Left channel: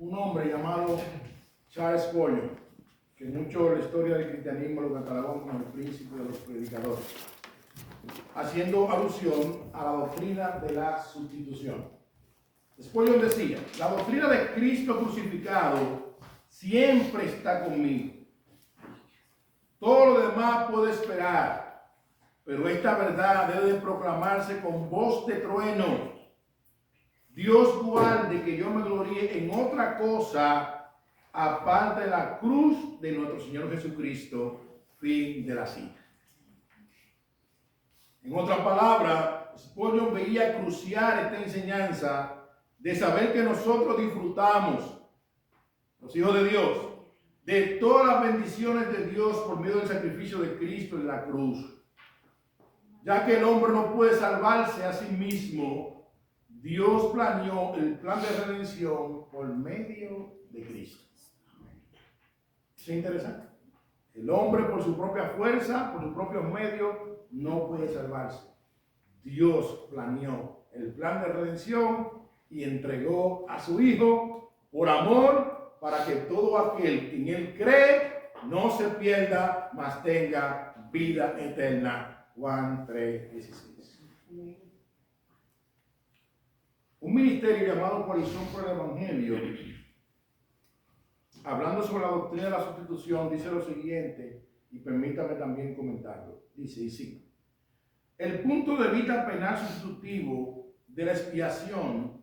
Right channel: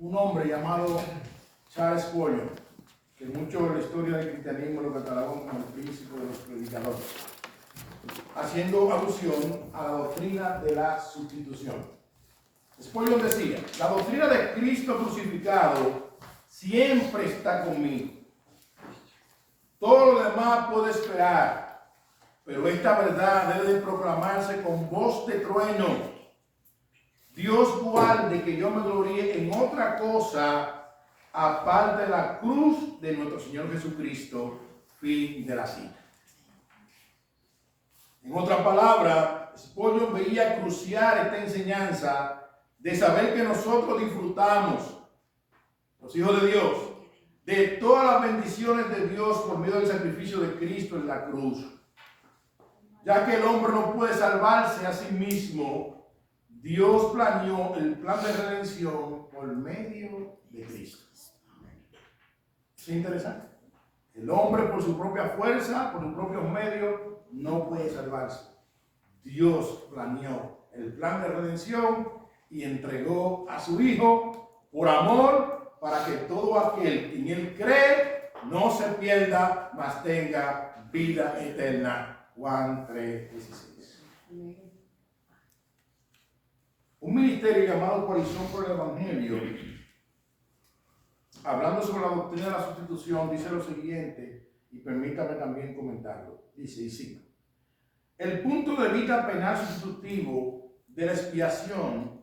un hombre llamado Charles Spurgeon, que mucho en la historia del cristianismo lo catalogan como el príncipe de los predicadores, haciendo alusión a la doctrina de la sustitución. Spurgeon decía: la doctrina de Cristo crucificado siempre está conmigo. Todo lo demás puede esperar, pero esta verdad debe de proclamarse con voz de trueno. Dios guarde que yo me gloríe en otra cosa aparte de la cruz de nuestro Señor Jesucristo. Fin de la cita. En otras palabras, Spurgeon veía crucial esta enseñanza de saber que nosotros disfrutamos, los hijos de Dios, de todas las bendiciones de Dios por medio del sacrificio de Cristo en la cruz. Ya que el hombre no puede salvarse a sí mismo, Dios planeó el plan de redención por medio de Cristo. ¿Es interesante? El hombre por su propia fuerza, por sus propios medios, no puede salvarse. Dios planeó el plan de redención y entregó a su Hijo por amor para que todo aquel que en Él cree no se pierda, mas tenga vida eterna. Juan 3:16. Un ministerio llamado Coalición por el Evangelio, hablando sobre la doctrina de la sustitución, dice lo siguiente, y permítame también comentarlo. Dice, y cito: el punto de vista penal sustitutivo de la expiación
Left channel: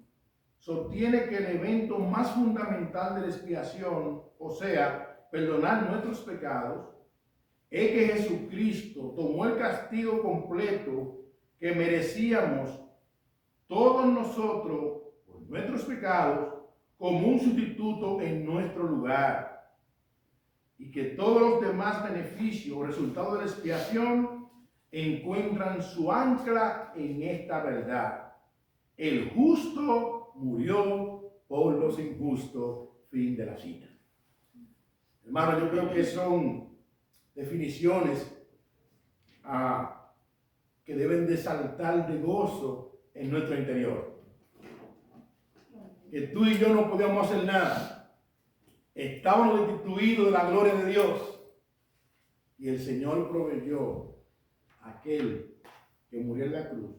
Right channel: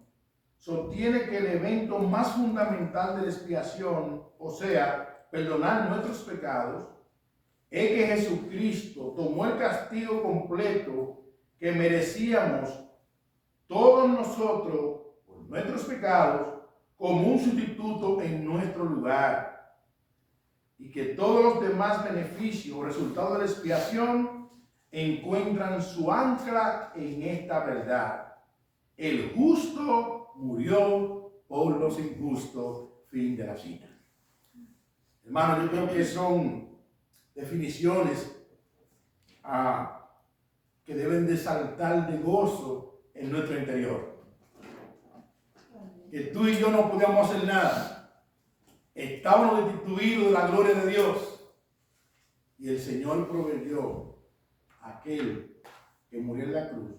sostiene que el evento más fundamental de la expiación, o sea, perdonar nuestros pecados, es que Jesucristo tomó el castigo completo que merecíamos todos nosotros por nuestros pecados como un sustituto en nuestro lugar, y que todos los demás beneficios o resultados de la expiación encuentran su ancla en esta verdad: el justo murió por los injustos. Fin de la cita. Hermano, yo creo que son definiciones que deben de saltar de gozo en nuestro interior. Que tú y yo no podíamos hacer nada. Estábamos destituidos de la gloria de Dios. Y el Señor proveyó a aquel que murió en la cruz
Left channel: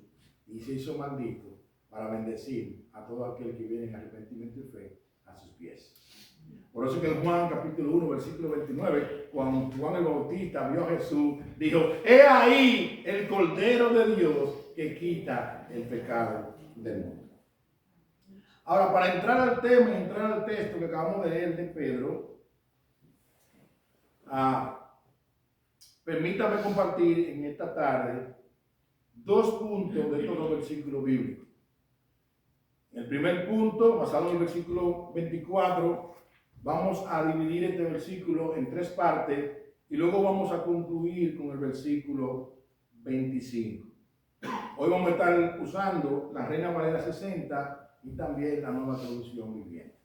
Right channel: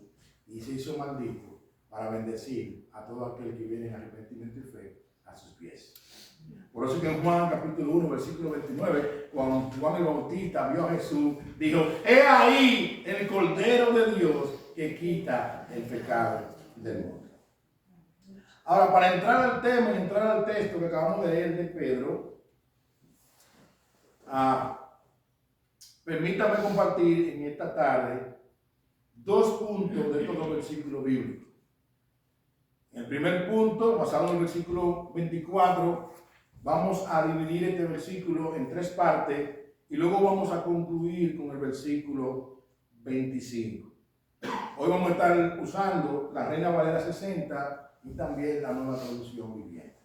y se hizo maldito para bendecir a todo aquel que viene en arrepentimiento y fe a sus pies. Por eso que en Juan capítulo 1, versículo 29, cuando Juan el Bautista vio a Jesús, dijo: he ahí el Cordero de Dios que quita el pecado del mundo. Ahora, para entrar al tema y entrar al texto que acabamos de leer de Pedro, permítame compartir en esta tarde dos puntos de estos dos versículos bíblicos. En el primer punto, basado en el versículo 24, vamos a dividir este versículo en tres partes y luego vamos a concluir con el versículo 25. Hoy vamos a estar usando la Reina Valera 60 y también la Nueva Traducción Viviente.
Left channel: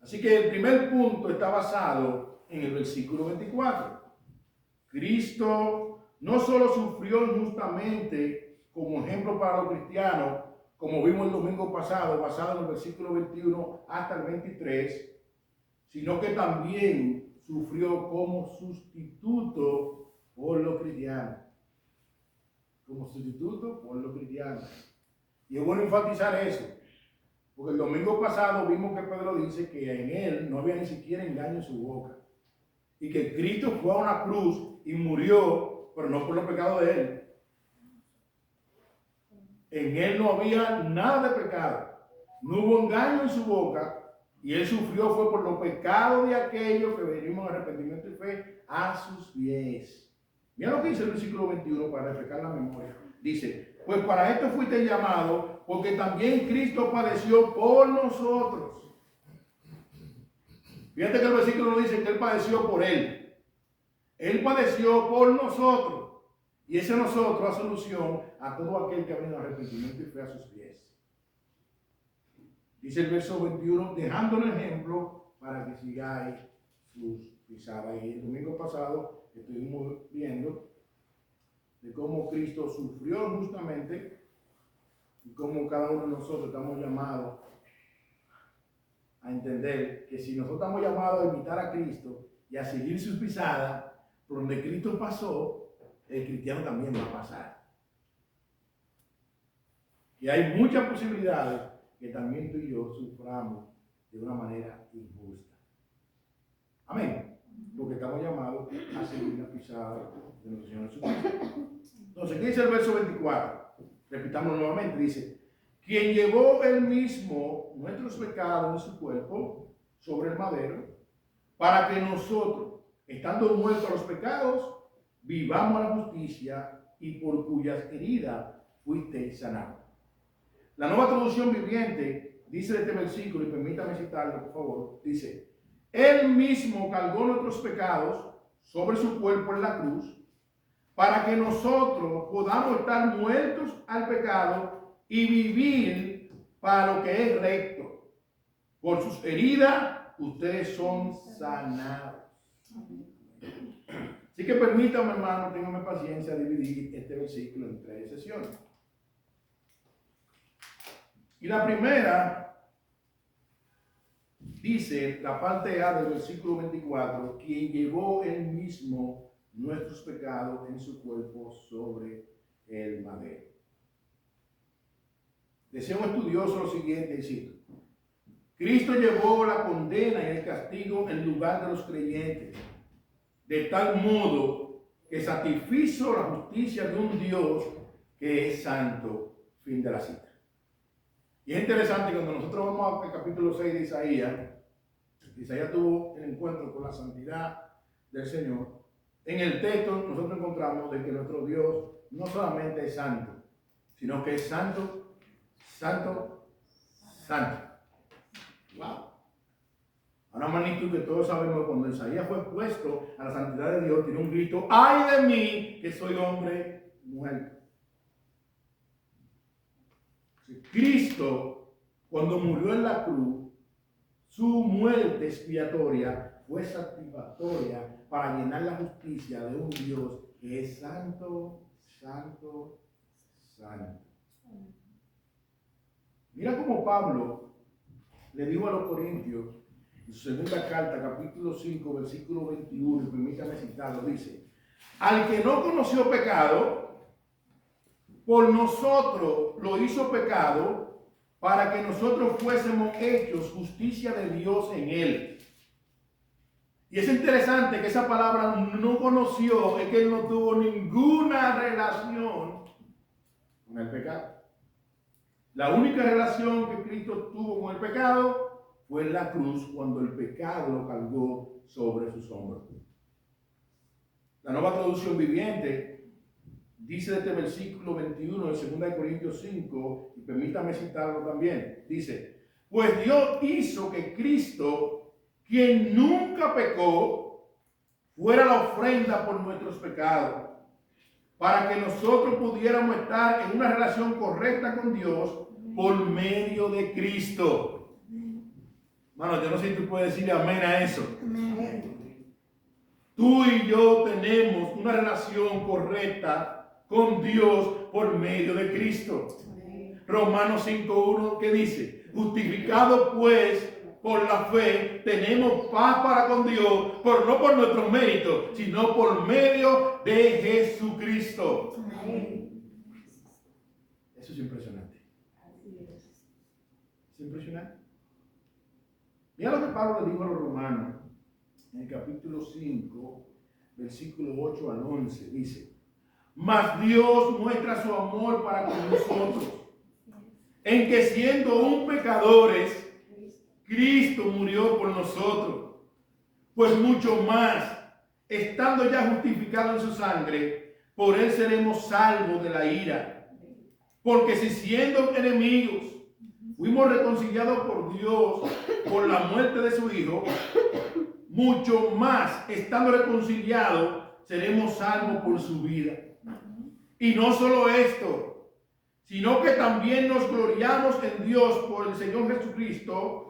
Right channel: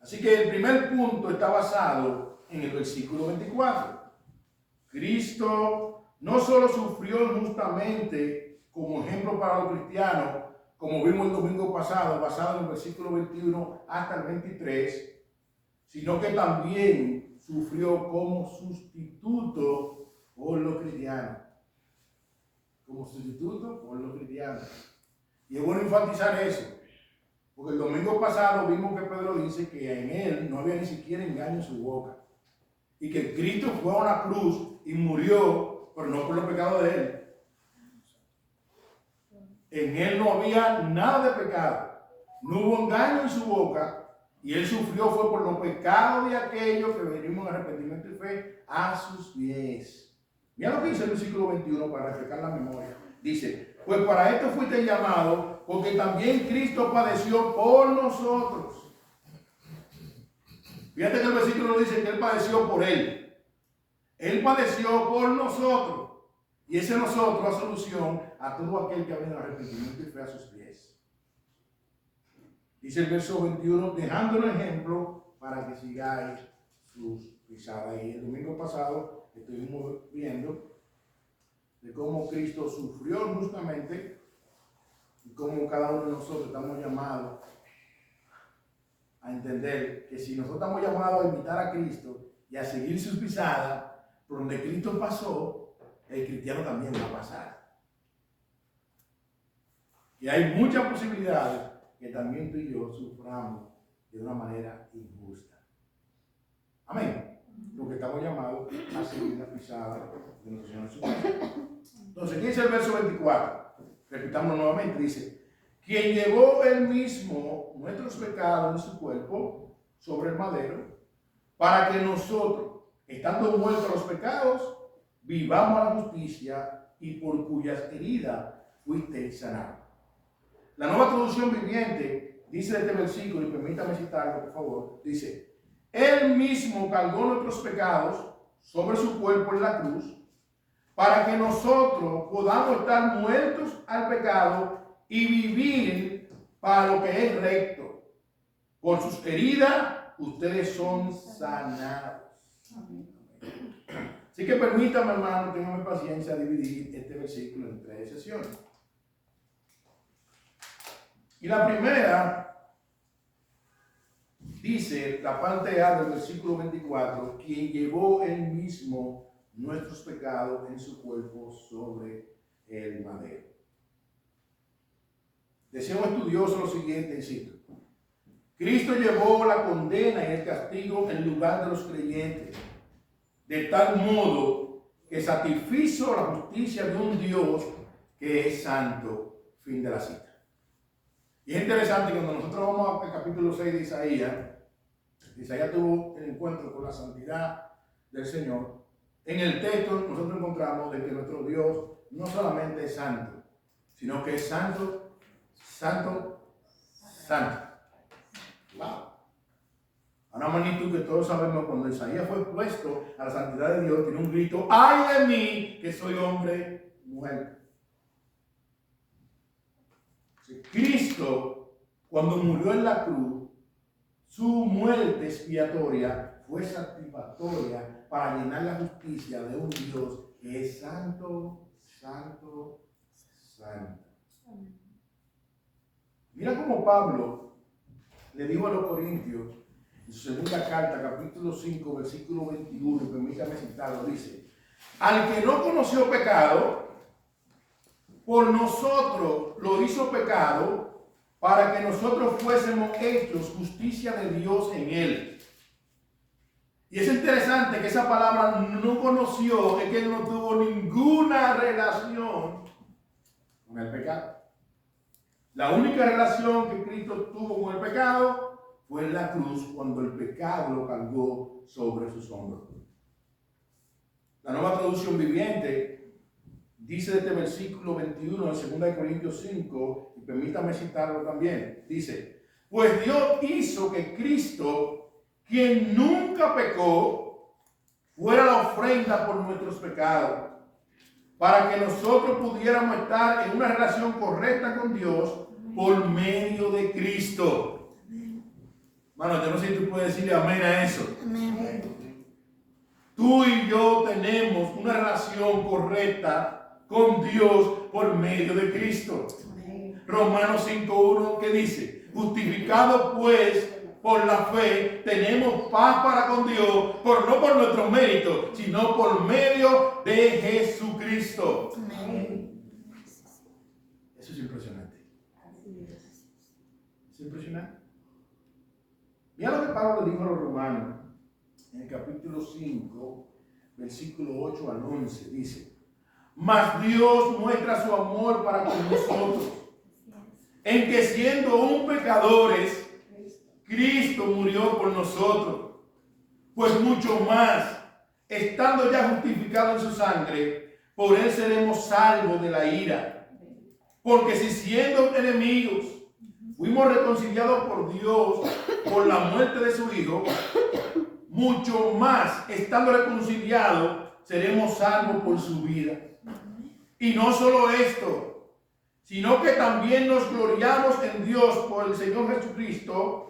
Así que el primer punto está basado en el versículo 24. Cristo no solo sufrió injustamente como ejemplo para los cristianos, como vimos el domingo pasado, basado en el versículo 21 hasta el 23, sino que también sufrió como sustituto por los cristianos. Como sustituto por los cristianos. Y es bueno enfatizar eso, porque el domingo pasado vimos que Pedro dice que en él no había ni siquiera engaño en su boca, y que Cristo fue a una cruz y murió, pero no por los pecados de él. En él no había nada de pecado, no hubo engaño en su boca, y él sufrió fue por los pecados de aquellos que venimos en arrepentimiento y fe a sus pies. Mira lo que dice el versículo 21 para refrescar la memoria. Dice: pues para esto fuiste llamado, porque también Cristo padeció por nosotros. Fíjate que el versículo no dice que Él padeció por Él. Él padeció por nosotros. Y ese nosotros hace alusión a todo aquel que viene en arrepentimiento y fe a sus pies. Dice el verso 21, dejando un ejemplo para que sigáis sus pisadas. Y el domingo pasado estuvimos viendo de cómo Cristo sufrió justamente y cómo cada uno de nosotros estamos llamados a entender que si nosotros estamos llamados a imitar a Cristo y a seguir sus pisadas, por donde Cristo pasó, el cristiano también va a pasar. Y hay muchas posibilidades que también tú y yo suframos de una manera injusta. Amén. Porque estamos llamados a seguir la pisada de nuestro Señor Jesucristo. Entonces, ¿qué dice el verso 24? Repitamos nuevamente, dice: quien llevó él mismo nuestros pecados en su cuerpo sobre el madero, para que nosotros, estando muertos a los pecados, vivamos a la justicia, y por cuyas heridas fuiste sanado. La Nueva Traducción Viviente dice de este versículo, y permítame citarlo por favor, dice: él mismo cargó nuestros pecados sobre su cuerpo en la cruz, para que nosotros podamos estar muertos al pecado y vivir para lo que es recto. Por sus heridas ustedes son sanados. Así que permítame, hermano, téngame paciencia a dividir este versículo en 3 sesiones. Y la primera dice, la parte A del versículo 24, quien llevó él mismo nuestros pecados en su cuerpo sobre el madero. Decía un estudioso lo siguiente, y cito: Cristo llevó la condena y el castigo en lugar de los creyentes, de tal modo que satisfizo la justicia de un Dios que es santo. Fin de la cita. Y es interesante que cuando nosotros vamos al capítulo 6 de Isaías, Isaías tuvo el encuentro con la santidad del Señor. En el texto nosotros encontramos de que nuestro Dios no solamente es santo, sino que es santo, santo, santo. Wow. A una magnitud que todos sabemos, cuando Isaías fue expuesto a la santidad de Dios, tiene un grito: ¡ay de mí, que soy hombre muerto! Cristo, cuando murió en la cruz, su muerte expiatoria fue satisfactoria para llenar la justicia de un Dios que es santo, santo, santo. Mira cómo Pablo le dijo a los Corintios en su segunda carta, capítulo 5, versículo 21, y permítame citarlo, dice: al que no conoció pecado, por nosotros lo hizo pecado, para que nosotros fuésemos hechos justicia de Dios en él. Y es interesante que esa palabra no conoció, es que él no tuvo ninguna relación con el pecado. La única relación que Cristo tuvo con el pecado fue en la cruz, cuando el pecado lo cargó sobre sus hombros. La Nueva Traducción Viviente dice de este versículo 21 de 2 Corintios 5, y permítame citarlo también, dice: pues Dios hizo que Cristo, quien nunca pecó, fuera la ofrenda por nuestros pecados, para que nosotros pudiéramos estar en una relación correcta con Dios por medio de Cristo. Mano, yo no sé si tú puedes decir amén a eso. Amén. Tú y yo tenemos una relación correcta con Dios por medio de Cristo. Amén. Romanos 5:1, ¿qué dice? Justificado pues por la fe, tenemos paz para con Dios, no por nuestros méritos, sino por medio de Jesucristo. Amén. Eso es impresionante. Es impresionante. Mira lo que Pablo le dijo a los romanos en el capítulo 5, versículo 8 al 11. Dice: mas Dios muestra su amor para con nosotros, en que siendo aún pecadores, Cristo murió por nosotros. Pues mucho más, estando ya justificados en su sangre, por él seremos salvos de la ira. Porque si siendo enemigos, fuimos reconciliados por Dios por la muerte de su Hijo, mucho más, estando reconciliados, seremos salvos por su vida. Y no solo esto, sino que también nos gloriamos en Dios por el Señor Jesucristo,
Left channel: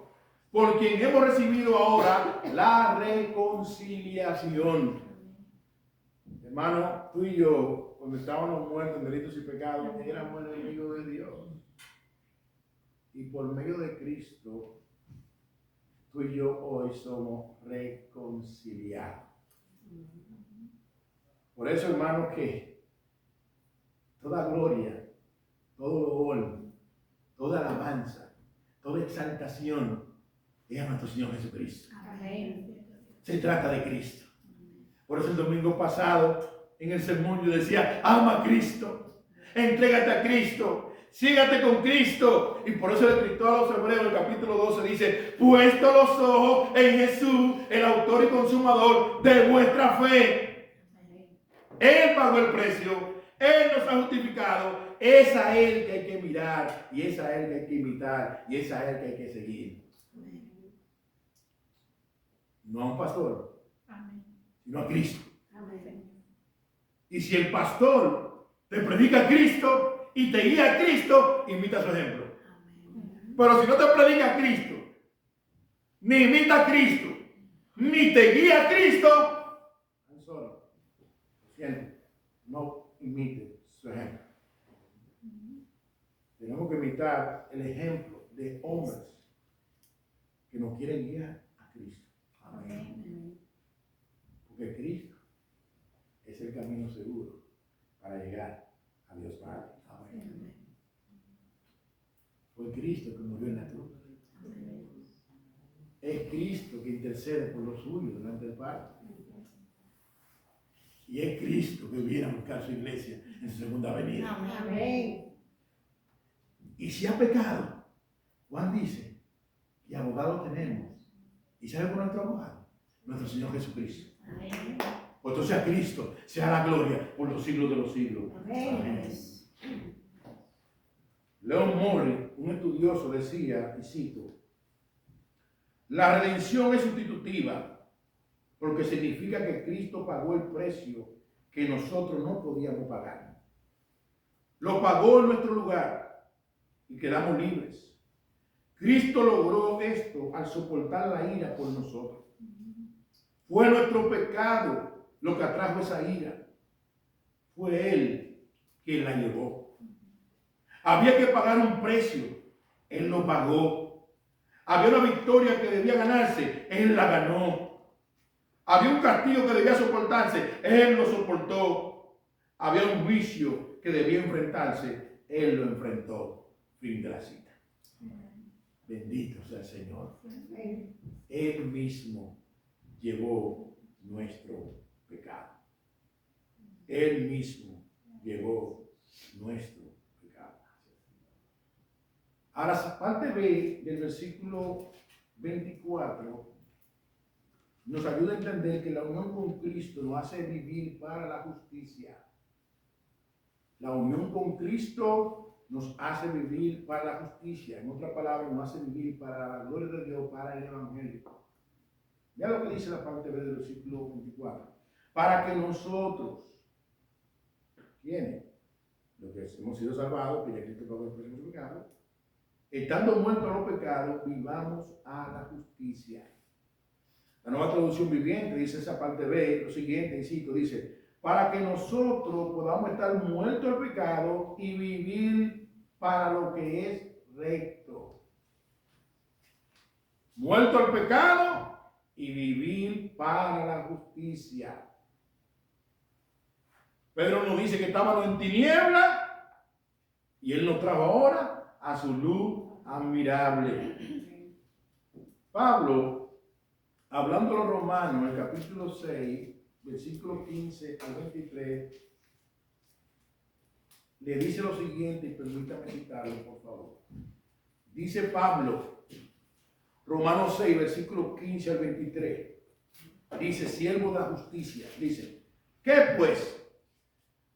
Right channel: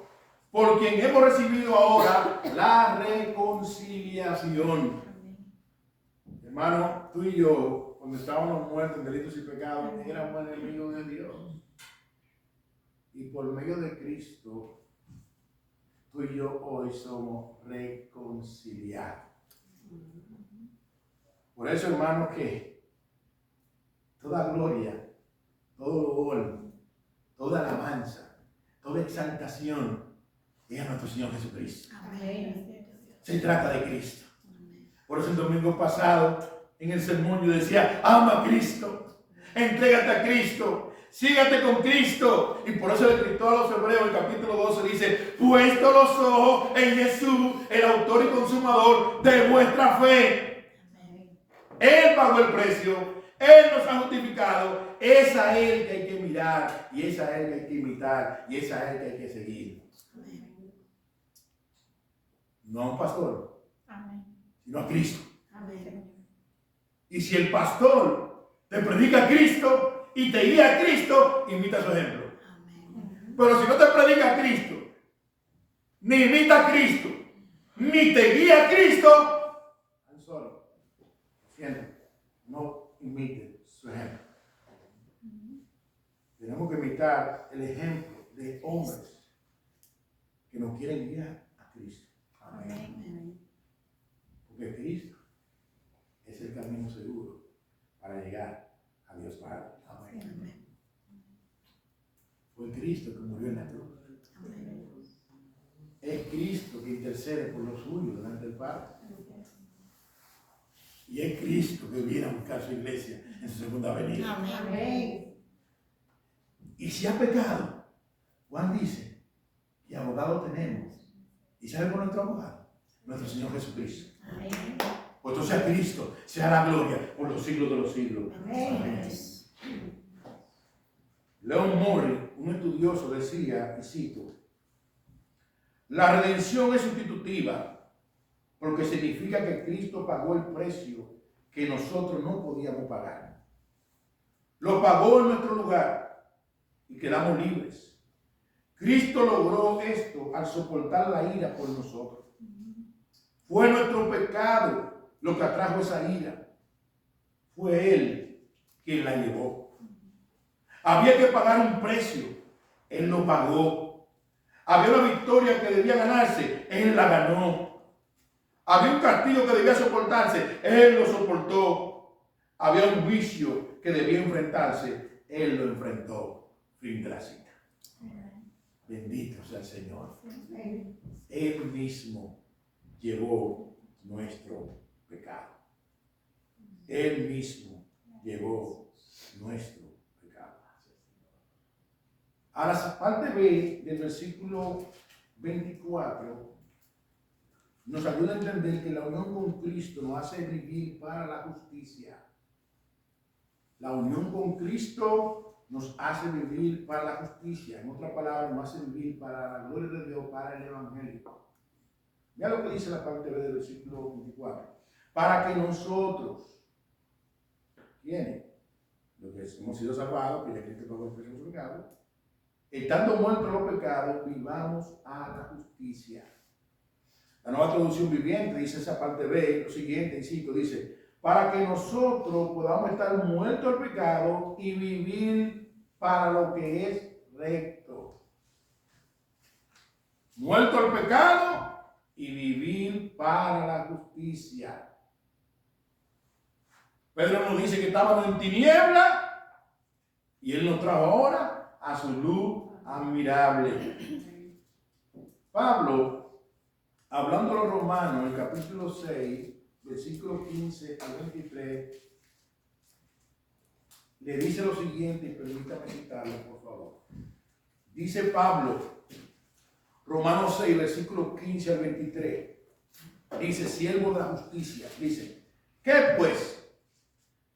por quien hemos recibido ahora la reconciliación. Hermano, tú y yo, cuando estábamos muertos en delitos y pecados, éramos enemigos de Dios. Y por medio de Cristo tú y yo hoy somos reconciliados. Por eso, hermano, que toda gloria, todo honor, toda alabanza, toda exaltación es a nuestro Señor Jesucristo. Amén. Se trata de Cristo. Por eso el domingo pasado en el sermón yo decía, ama a Cristo, entrégate a Cristo, sígate con Cristo. Y por eso el escritor a los Hebreos, el capítulo 12 dice, puesto los ojos en Jesús, el autor y consumador de vuestra fe. Él pagó el precio, Él nos ha justificado, es a Él que hay que mirar, y es a Él que hay que imitar, y es a Él que hay que seguir. No a un pastor, sino a Cristo. Y si el pastor te predica a Cristo y te guía a Cristo, imita su ejemplo. Pero si no te predica a Cristo, ni imita a Cristo, ni te guía a Cristo, I'm sorry, siento, no imite su ejemplo. Tenemos que imitar el ejemplo de hombres que nos quieren guiar a Cristo. Amén. Porque Cristo es el camino seguro para llegar a Dios Padre. Amén. Fue Cristo que murió en la cruz. Amén. Es Cristo que intercede por los suyos delante del Padre. Y es Cristo que viene a buscar su iglesia en su segunda venida. Amén. Y si ha pecado, Juan dice, y abogado tenemos. ¿Y sabe por nuestro abogado? Nuestro Señor Jesucristo. Amén. Puesto sea Cristo, sea la gloria por los siglos de los siglos. Amén. Amén. Leon Morris, un estudioso, decía, y cito, la redención es sustitutiva porque significa que Cristo pagó el precio que nosotros no podíamos pagar. Lo pagó en nuestro lugar y quedamos libres. Cristo logró esto al soportar la ira por nosotros. Fue nuestro pecado lo que atrajo esa ira. Fue Él quien la llevó. Había que pagar un precio. Él lo pagó. Había una victoria que debía ganarse. Él la ganó. Había un castigo que debía soportarse. Él lo soportó. Había un juicio que debía enfrentarse. Él lo enfrentó. Fin de la cita. Bendito sea el Señor. Él mismo llevó nuestro pecado. Él mismo llevó nuestro pecado. Ahora, la parte B del versículo 24 nos ayuda a entender que la unión con Cristo nos hace vivir para la justicia. La unión con Cristo nos hace vivir para la justicia. En otras palabras, nos hace vivir para la gloria de Dios, para el Evangelio. Mira lo que dice la parte B del versículo 24. Para que nosotros, ¿quiénes? Los que hemos sido salvados, que ya Cristo pagó el precio de nuestro pecado, estando muertos en los pecados, vivamos a la justicia. La Nueva Traducción Viviente dice esa parte B, lo siguiente, cito, dice, para que nosotros podamos estar muertos al pecado y vivir para lo que es recto. Muerto al pecado y vivir para la justicia. Pedro nos dice que estábamos en tiniebla y Él nos trajo ahora a su luz admirable. Pablo, hablando a los romanos, en el capítulo 6, versículo 15 al 23, le dice lo siguiente, y permítame citarlo, por favor. Dice Pablo, Romanos 6, versículo 15 al 23, dice, siervo de la justicia, dice, ¿qué pues?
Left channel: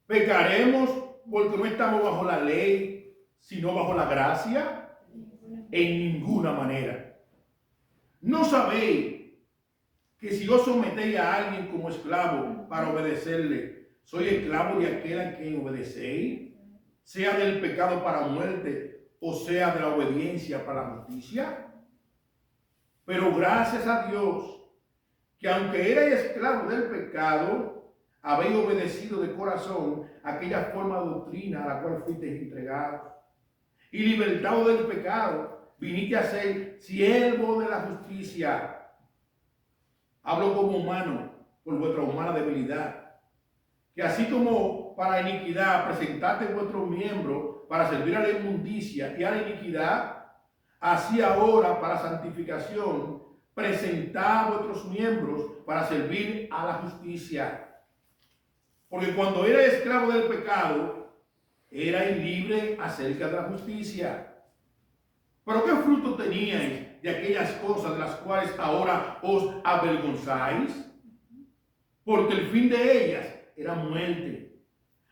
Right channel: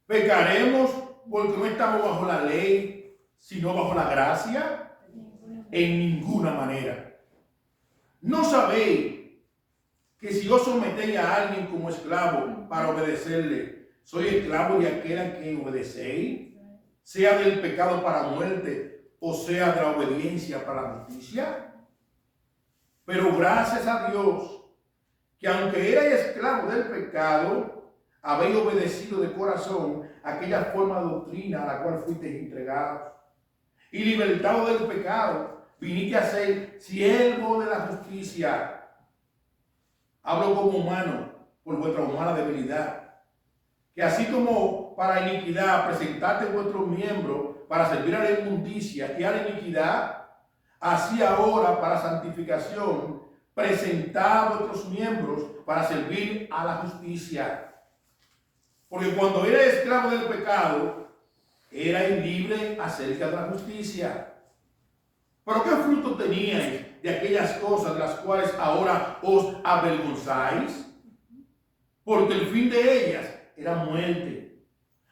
¿Pecaremos porque no estamos bajo la ley, sino bajo la gracia? En ninguna manera. ¿No sabéis que si os sometéis a alguien como esclavo para obedecerle, soy esclavo de aquel a quien obedecéis, sea del pecado para muerte o sea de la obediencia para la justicia? Pero gracias a Dios, que aunque erais esclavo del pecado, habéis obedecido de corazón aquella forma de doctrina a la cual fuisteis entregados, y libertados del pecado, viniste a ser siervo de la justicia. Hablo como humano, por vuestra humana debilidad. Que así como para iniquidad presentaste vuestros miembros para servir a la inmundicia y a la iniquidad, así ahora para santificación presentad vuestros miembros para servir a la justicia. Porque cuando eres esclavo del pecado, erais libre acerca de la justicia. Pero ¿qué fruto teníais de aquellas cosas de las cuales ahora os avergonzáis? Porque el fin de ellas era muerte.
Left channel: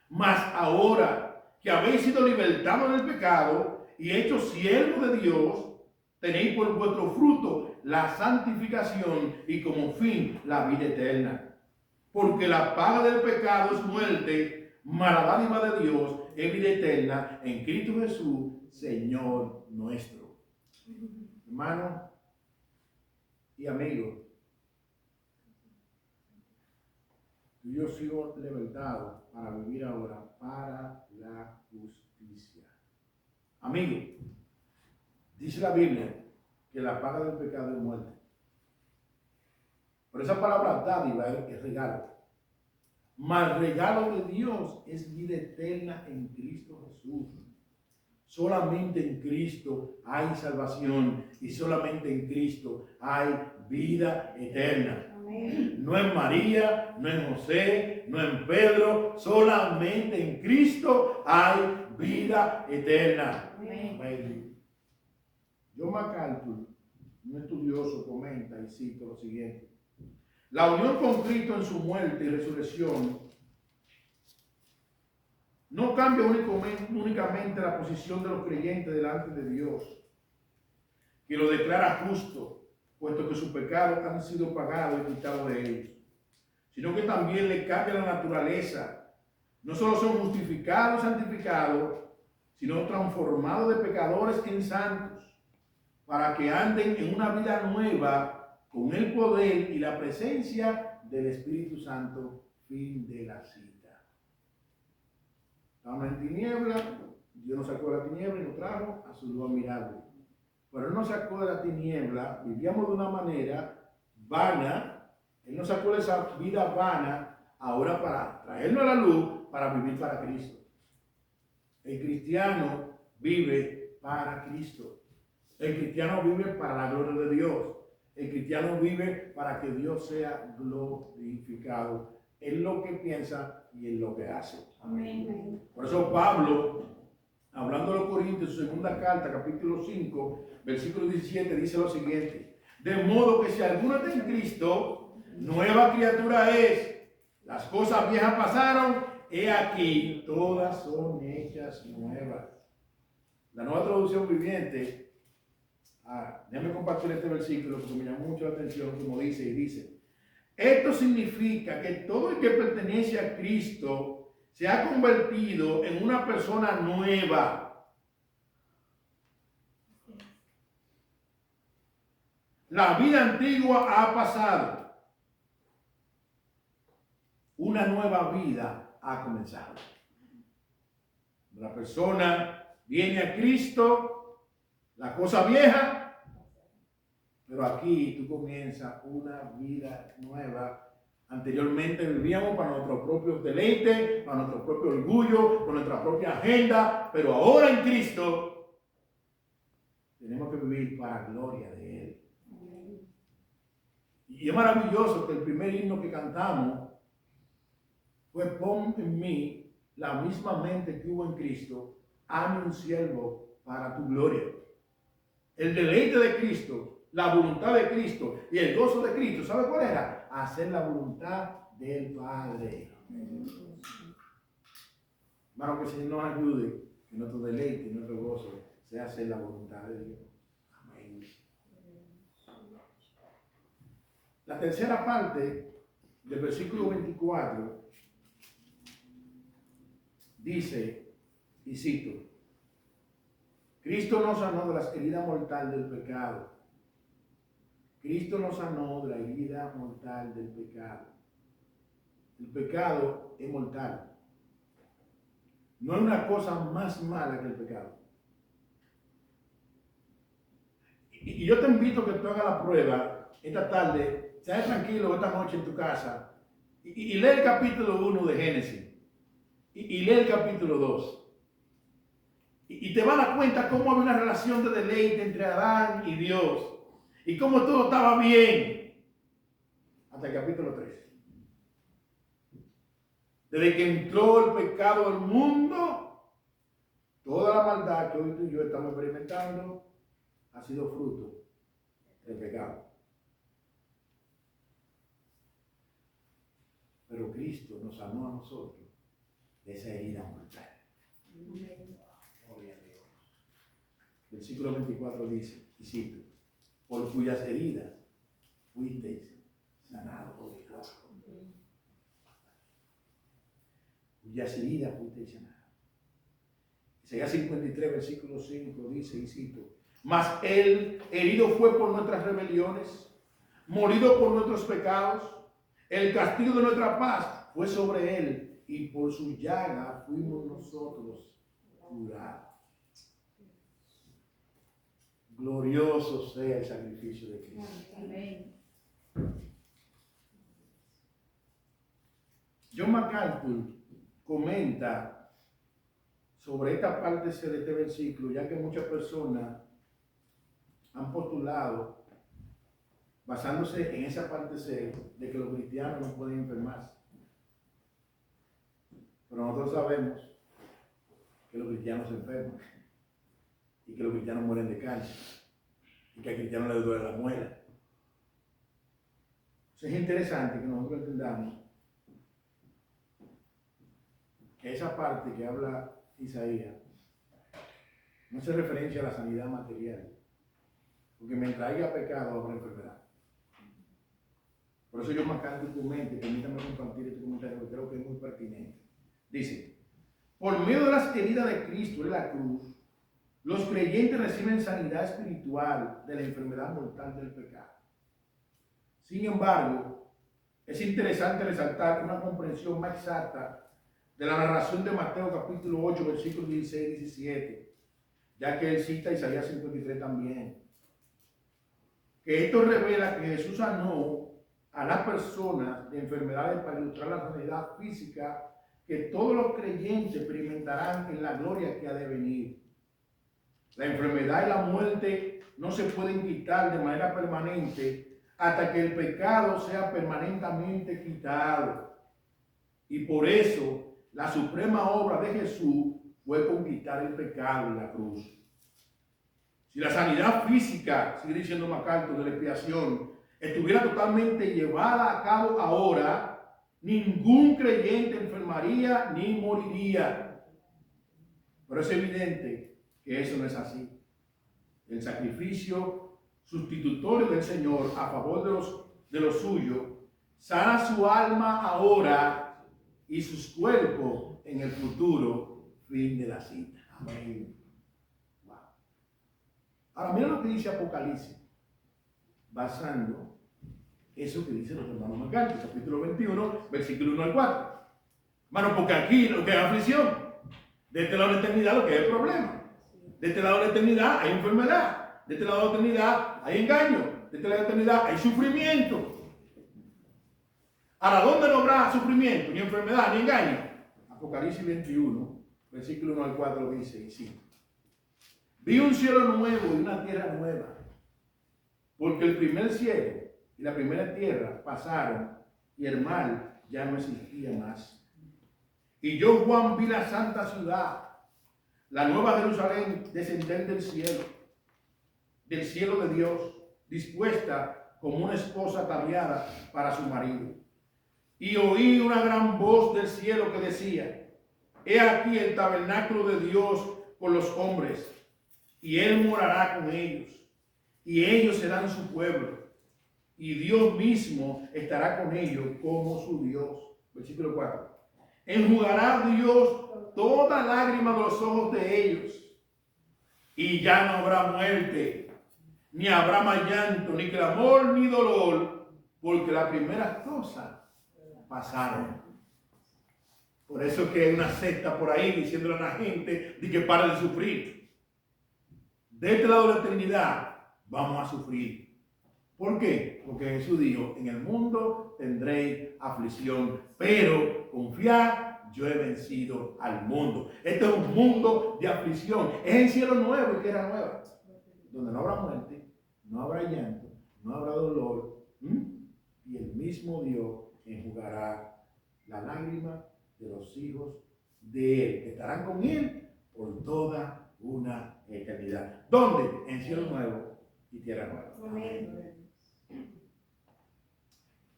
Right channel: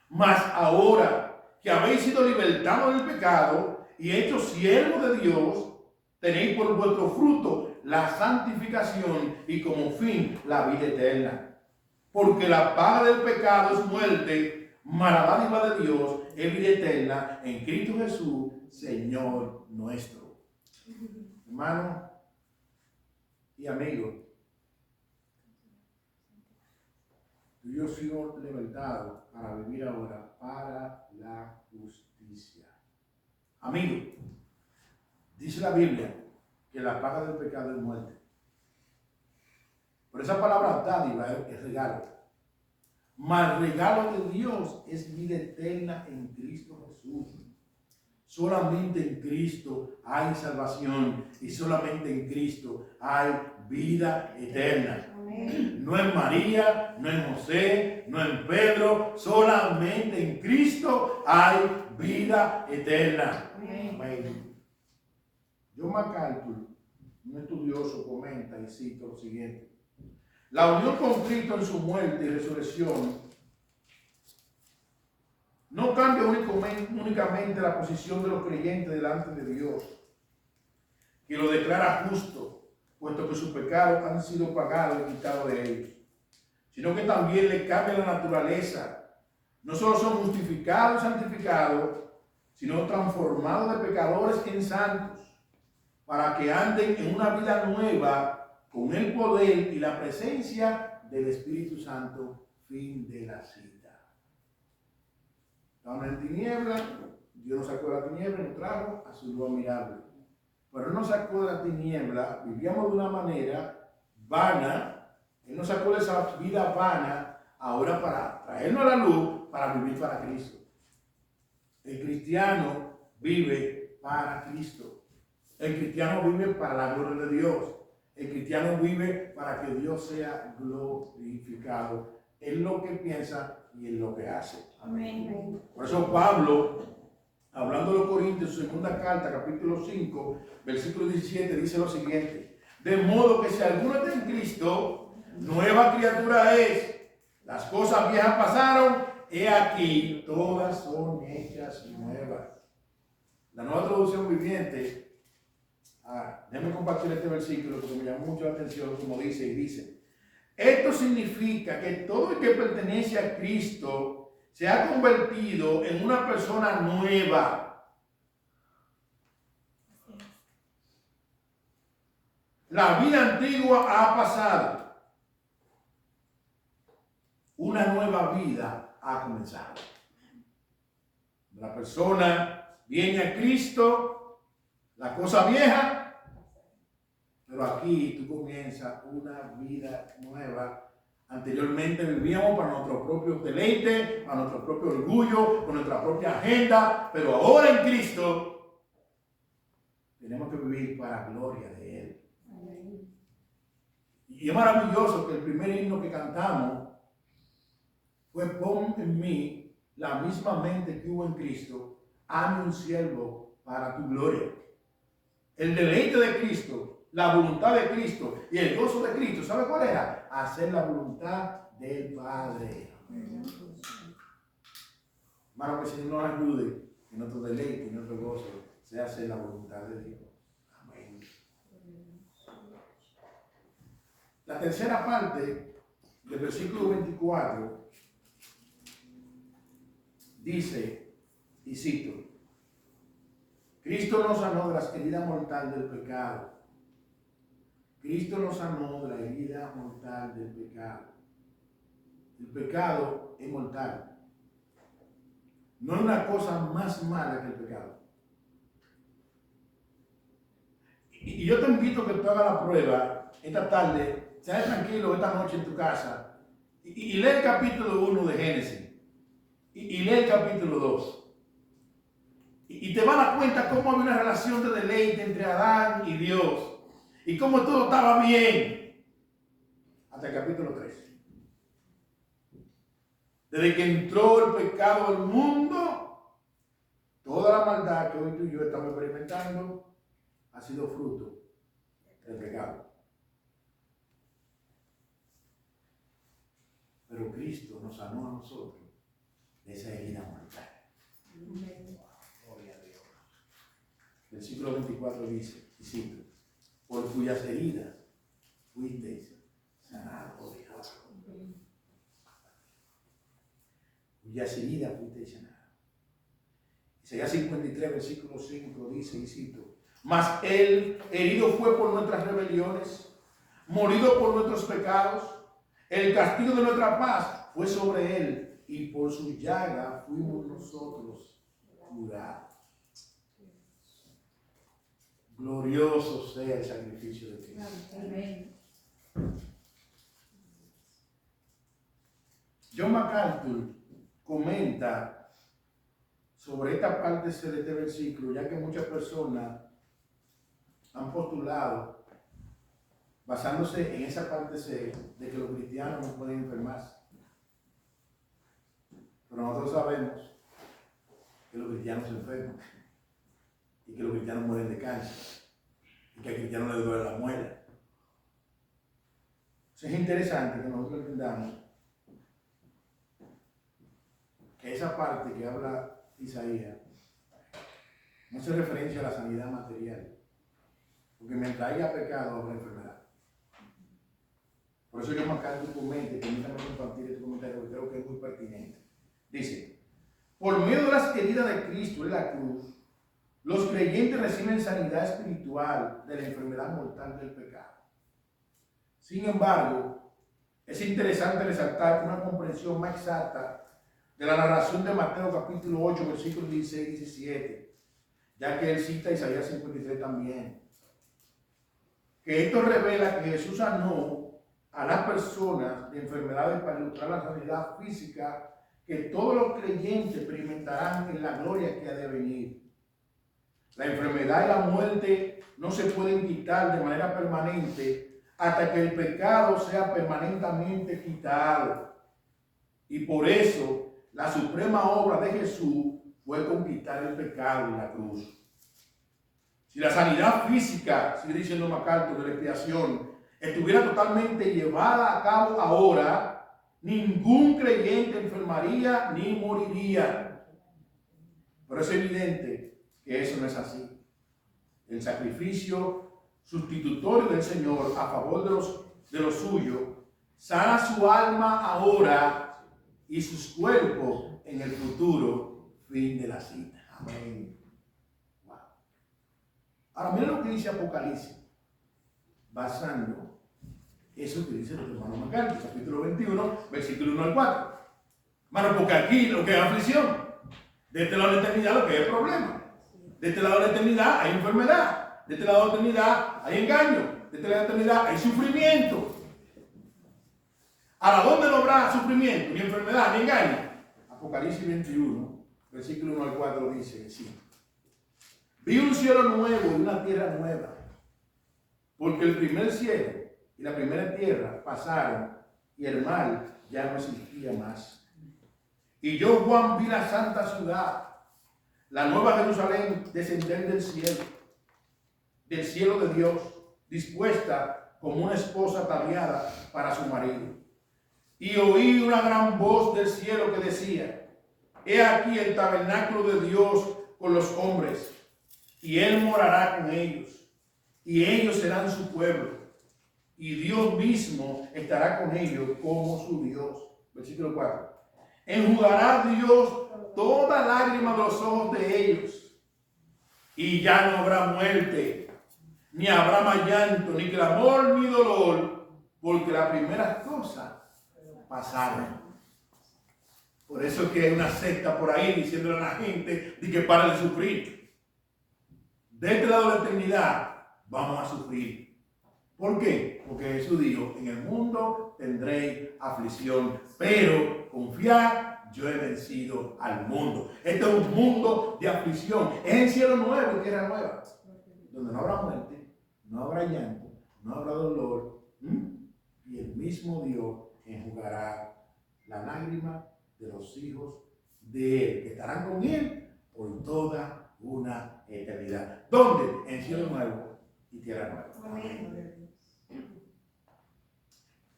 Mas ahora que habéis sido libertados del pecado y hechos siervos de Dios, tenéis por vuestro fruto la santificación y como fin la vida eterna. Porque la paga del pecado es muerte, mas la dádiva de Dios es vida eterna en Cristo Jesús, Señor nuestro. Hermano y amigo, tú y yo sigo libertado para vivir ahora para la justicia. Amigo, dice la Biblia que la paga del pecado es muerte. Por esa palabra dádiva es regalo. Mas el regalo de Dios es vida eterna en Cristo Jesús. Solamente en Cristo hay salvación y solamente en Cristo hay vida eterna. Amén. No en María, no en José, no en Pedro, solamente en Cristo hay vida eterna. Amén. Amén. John MacArthur, un estudioso, comenta y cita lo siguiente: la unión con Cristo en su muerte y resurrección no cambia únicamente la posición de los creyentes delante de Dios, que lo declara justo, puesto que sus pecados han sido pagados y quitados de ellos, sino que también le cambia la naturaleza. No solo son justificados y santificados, sino transformados de pecadores en santos, para que anden en una vida nueva con el poder y la presencia del Espíritu Santo. Fin de la cita. Estábamos en tiniebla, Dios nos sacó de la tiniebla y nos trajo a su luz admirable. Pero Él nos sacó de la tiniebla, vivíamos de una manera vana, Él nos sacó de esa vida vana, ahora para traernos a la luz, para vivir para Cristo. El cristiano vive para Cristo. El cristiano vive para la gloria de Dios. El cristiano vive para que Dios sea glorificado en lo que piensa y en lo que hace. Amén. Por eso Pablo, hablando a los Corintios, su segunda carta, capítulo 5, versículo 17, dice lo siguiente: de modo que si alguno está en Cristo, nueva criatura es. Las cosas viejas pasaron, he aquí, todas son hechas nuevas. La Nueva Traducción Viviente, déjame compartir este versículo porque me llamó mucho la atención como dice, esto significa que todo el que pertenece a Cristo se ha convertido en una persona nueva. La vida antigua ha pasado. Una nueva vida ha comenzado. La persona viene a Cristo, la cosa vieja, pero aquí tú comienzas una vida nueva. Anteriormente vivíamos para nuestro propio deleite, para nuestro propio orgullo, con nuestra propia agenda, pero ahora en Cristo tenemos que vivir para la gloria de Él. Y es maravilloso que el primer himno que cantamos fue: pon en mí la misma mente que hubo en Cristo, hazme un siervo para tu gloria. El deleite de Cristo, la voluntad de Cristo y el gozo de Cristo, ¿sabe cuál era? Hacer la voluntad del Padre. Hermano, que el Señor nos ayude, que nuestro deleite y nuestro gozo sea hacer la voluntad de Dios. Amén. La tercera parte del versículo 24 dice, y cito: Cristo nos sanó de la herida mortal del pecado. Cristo nos sanó de la herida mortal del pecado. El pecado es mortal. No hay una cosa más mala que el pecado. Y yo te invito a que tú hagas la prueba esta tarde, seas tranquilo esta noche en tu casa y lee el capítulo 1 de Génesis y lee el capítulo 2. Y te vas a dar cuenta cómo había una relación de deleite entre Adán y Dios y cómo todo estaba bien hasta el capítulo 3. Desde que entró el pecado al mundo, toda la maldad que hoy tú y yo estamos experimentando ha sido fruto del pecado. Pero Cristo nos sanó a nosotros de esa herida mortal. Gloria a Dios. Versículo 24 dice, y cito, por cuyas heridas fuisteis sanados. Cuyas heridas fuisteis sanados. Isaías 53, versículo 5 dice, y cito, mas él herido fue por nuestras rebeliones, molido por nuestros pecados, el castigo de nuestra paz fue sobre él, y por su llaga fuimos nosotros curados. Glorioso sea el sacrificio de Cristo. Amén. John MacArthur comenta sobre esta parte C de este versículo, ya que muchas personas han postulado, basándose en esa parte C, de que los cristianos no pueden enfermarse. Pero nosotros sabemos que los cristianos se enferman y que los cristianos mueren de cáncer y que al cristiano le duele la muela. Entonces es interesante que nosotros entendamos que esa parte que habla Isaías no hace referencia a la sanidad material, porque mientras haya pecado habrá enfermedad. Por eso yo marcar tu comentario, permítame compartir este comentario que creo que es muy pertinente. Dice, por medio de las heridas de Cristo en la cruz, los creyentes reciben sanidad espiritual de la enfermedad mortal del pecado. Sin embargo, es interesante resaltar una comprensión más exacta de la narración de Mateo capítulo 8, versículos 16 y 17, ya que él cita Isaías 53 también. Que esto revela que Jesús sanó a las personas de enfermedades para ilustrar la sanidad física que todos los creyentes experimentarán en la gloria que ha de venir. La enfermedad y la muerte no se pueden quitar de manera permanente hasta que el pecado sea permanentemente quitado. Y por eso la suprema obra de Jesús fue conquistar el pecado en la cruz. Si la sanidad física, sigue diciendo MacArthur, de la expiación, estuviera totalmente llevada a cabo ahora, ningún creyente enfermaría ni moriría. Pero es evidente que eso no es así. El sacrificio sustitutorio del Señor a favor de los suyos sana su alma ahora y sus cuerpos en el futuro fin de la cita. Amén. Wow. Ahora mira lo que dice Apocalipsis, basando eso que dicen los hermanos MacArthur, capítulo 21, versículo 1 al 4. Hermano, porque aquí lo que es aflicción, de este lado de la eternidad lo que es problema, de este lado de la eternidad hay enfermedad, de este lado de la eternidad hay engaño, de este lado de la eternidad hay sufrimiento. ¿Ahora dónde no habrá sufrimiento, ni enfermedad, ni engaño? Apocalipsis 21, versículo 1 al 4 dice así. Vi un cielo nuevo y una tierra nueva, porque el primer cielo y la primera tierra pasaron y el mar ya no existía más. Y yo, Juan, vi la santa ciudad, la nueva Jerusalén, descender del cielo de Dios, dispuesta como una esposa ataviada para su marido. Y oí una gran voz del cielo que decía, he aquí el tabernáculo de Dios con los hombres, y él morará con ellos, y ellos serán su pueblo, y Dios mismo estará con ellos como su Dios. Versículo 4. Enjugará Dios toda lágrima de los ojos de ellos, y ya no habrá muerte, ni habrá más llanto, ni clamor, ni dolor, porque las primeras cosas pasaron. Por eso es que hay una secta por ahí diciéndole a la gente de que pare de sufrir. De este lado de la eternidad vamos a sufrir. ¿Por qué? Porque Jesús dijo, en el mundo tendréis aflicción, pero confiad, yo he vencido al mundo. Este es un mundo de aflicción. Es en cielo nuevo y tierra nueva, donde no habrá muerte, no habrá llanto, no habrá dolor, y el mismo Dios enjugará la lágrima de los hijos de Él, que estarán con Él por toda una eternidad. ¿Dónde? En cielo nuevo y tierra nueva. Amén.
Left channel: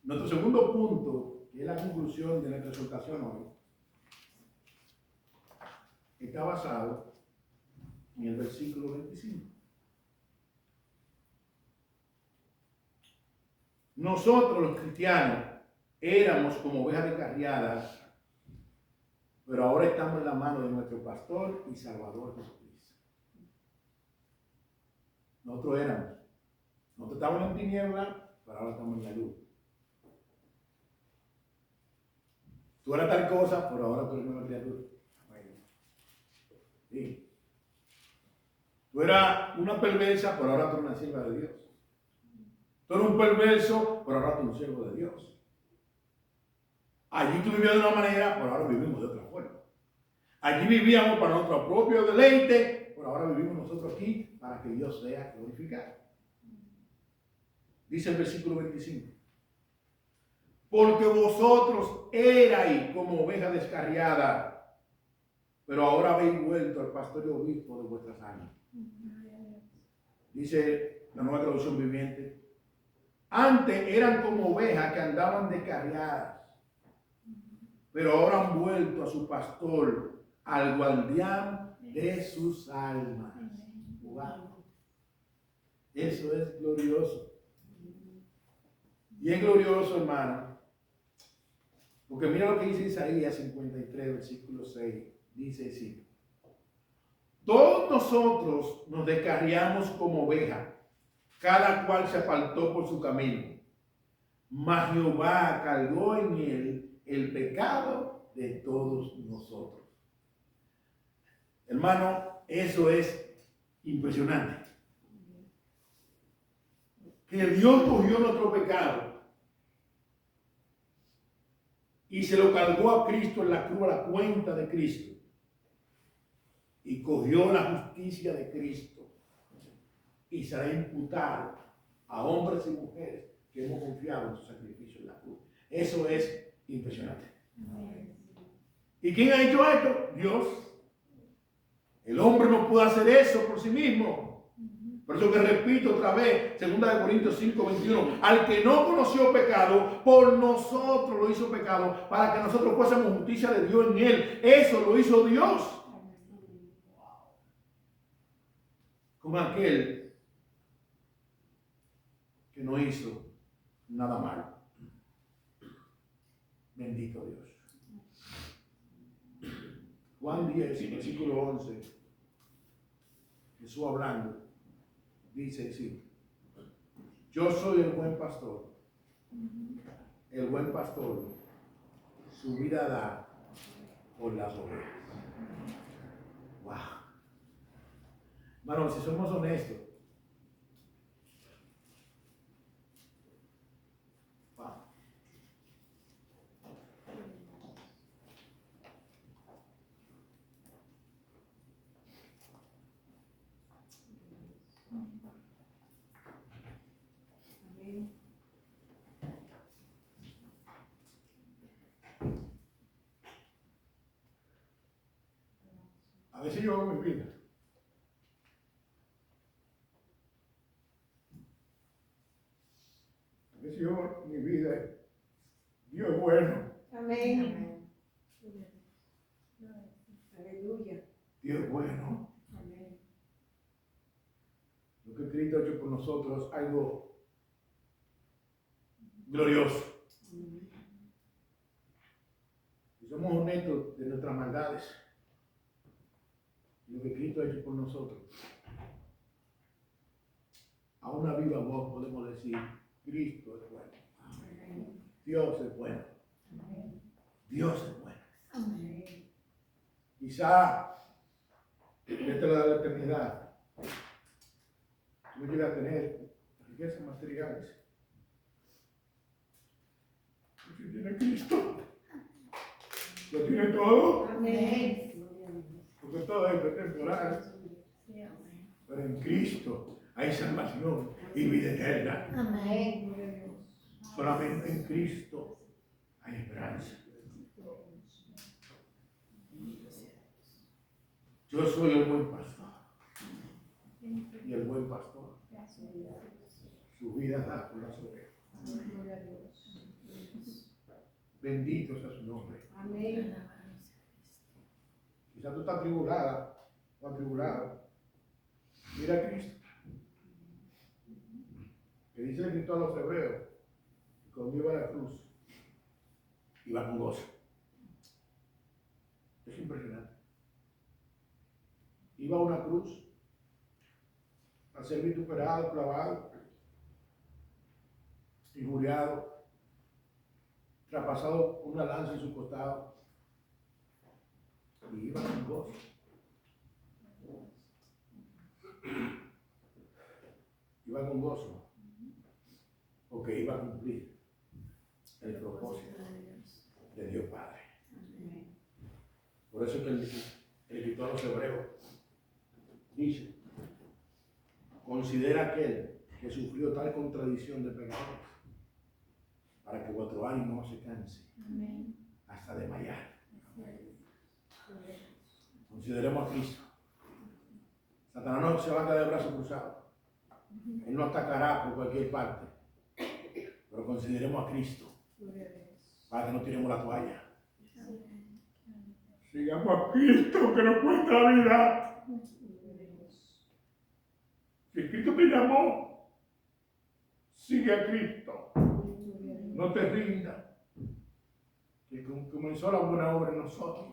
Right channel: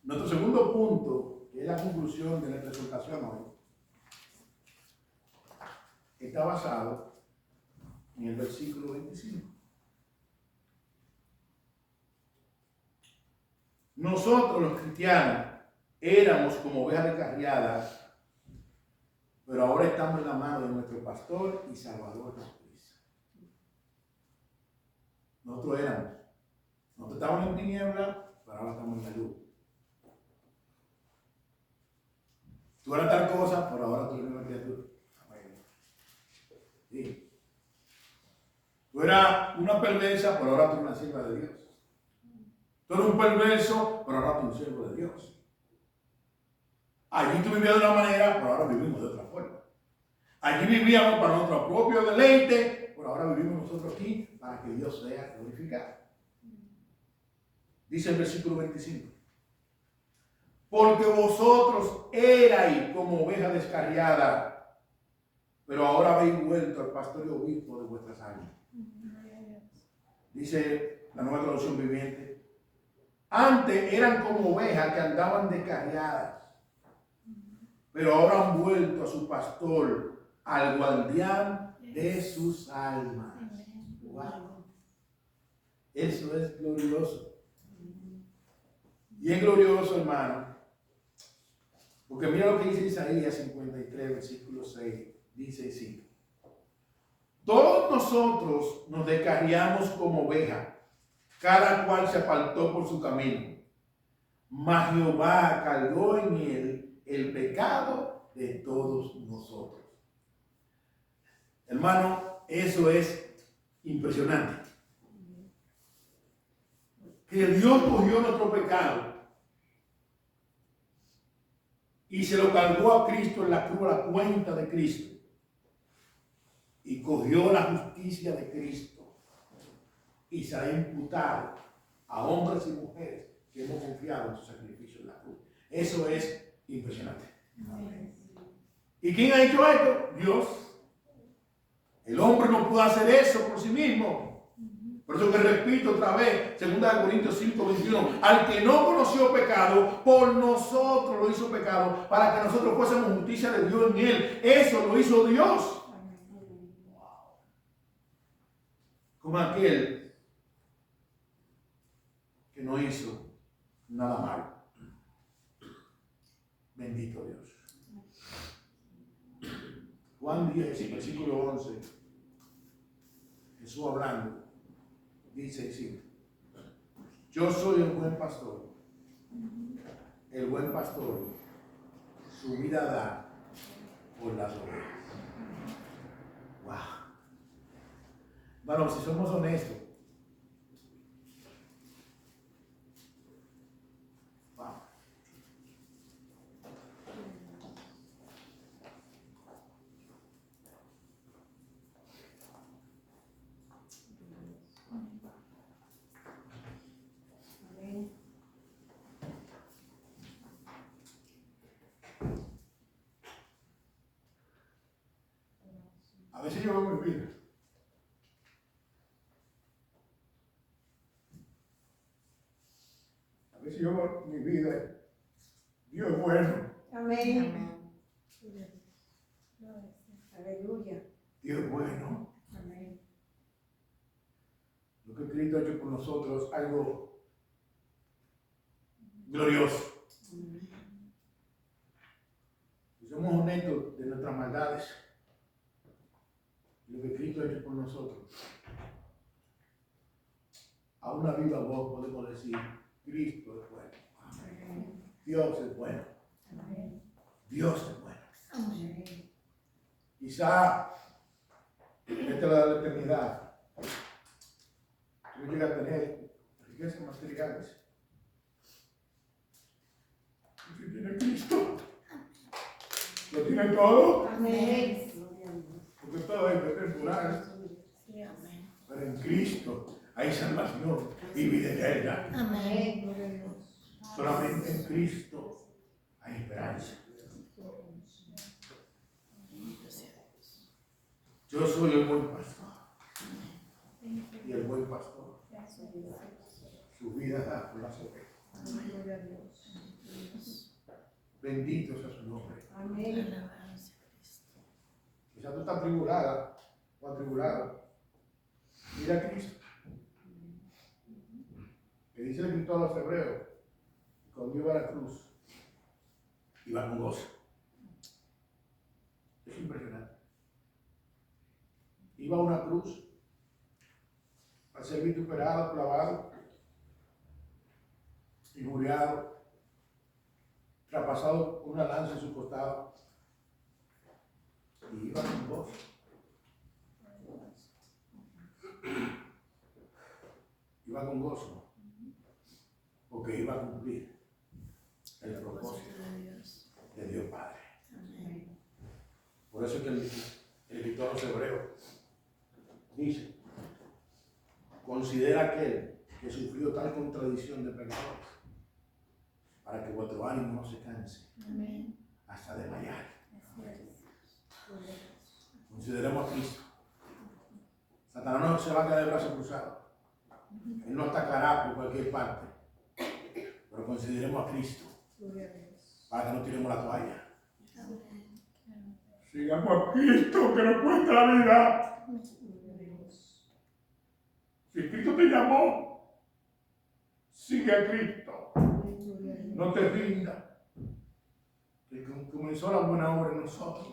Nuestro segundo punto, que es la conclusión de nuestra exhortación hoy, está basado en el versículo 25. Nosotros los cristianos éramos como ovejas descarriadas, pero ahora estamos en la mano de nuestro pastor y salvador Jesucristo. Nosotros estábamos en tinieblas, pero ahora estamos en la luz. Tú eras tal cosa, pero ahora tú eres una criatura. Sí. Tú eras una perversa, pero ahora tú eres una sierva de Dios. Tú eres un perverso, pero ahora tú eres un siervo de Dios. Allí tú vivías de una manera, pero ahora vivimos de otra forma. Allí vivíamos para nuestro propio deleite, pero ahora vivimos nosotros aquí para que Dios sea glorificado. Dice el versículo 25. Porque vosotros erais como ovejas descarriadas, pero ahora habéis vuelto al pastor y obispo de vuestras almas. Dice la Nueva Traducción Viviente. Antes eran como ovejas que andaban descarriadas, pero ahora han vuelto a su pastor, al guardián de sus almas. Wow. Eso es glorioso. Y es glorioso, hermano, porque mira lo que dice Isaías 53, versículo 6. Dice así: todos nosotros nos descarriamos como ovejas, cada cual se apartó por su camino, mas Jehová cargó en él el pecado de todos nosotros. Hermano, eso es impresionante. Que Dios cogió nuestro pecado y se lo cargó a Cristo en la cruz, a la cuenta de Cristo. Y cogió la justicia de Cristo y se ha imputado a hombres y mujeres que hemos confiado en su sacrificio en la cruz. Eso es impresionante. Amén. ¿Y quién ha hecho esto? Dios. El hombre no puede hacer eso por sí mismo. Por eso que repito otra vez, 2 Corintios 5, 21, al que no conoció pecado, por nosotros lo hizo pecado, para que nosotros fuésemos justicia de Dios en él. Eso lo hizo Dios. Como aquel que no hizo nada malo. Bendito Dios. Juan 10, versículo 11, Jesús hablando, dice así: yo soy el buen pastor. El buen pastor su vida da por las ovejas. Wow. Bueno, si somos honestos, wow. A veces yo veo mi vida. A veces yo veo mi vida. Dios es bueno. Amén. Aleluya. Dios es bueno. Amén. Lo que Cristo ha hecho por nosotros es algo glorioso. Si somos honestos de nuestras maldades, lo que Cristo ha hecho por nosotros, a una viva voz podemos decir: Cristo es bueno. Amén. Dios es bueno. Amén. Dios es bueno. Amén. Quizá esta es la eternidad. no llega a tener riquezas materiales. Si tiene Cristo, lo tiene todo, Amén. porque todo es temporal. Pero en Cristo hay salvación y vida eterna. Amén. Gloria a Dios. Solamente en Cristo hay esperanza. Yo soy el buen pastor. Y el buen pastor, su vida da por las ovejas. Gloria a Dios. Bendito sea su nombre. Amén. Quizás tú estás atribulada o atribulado. Mira a Cristo. Que dice el escritor a los hebreos, que cuando iba a la cruz, iba con gozo. Es impresionante. Iba a una cruz a ser vituperado, clavado, injuriado, traspasado una lanza en su costado. Y iba con gozo. Iba con gozo, porque iba a cumplir el propósito de Dios Padre. Por eso es que el escritor a los hebreos dice, considera aquel que sufrió tal contradicción de pecadores, para que vuestro ánimo no se canse hasta desmayar. Consideremos a Cristo. Satanás no se va a quedar de brazos cruzados. Él no atacará por cualquier parte. Pero consideremos a Cristo para que no tiremos la toalla. Sigamos a Cristo que nos cuenta la vida. Si Cristo te llamó, sigue a Cristo. No te rindas. Que comenzó la buena obra en nosotros.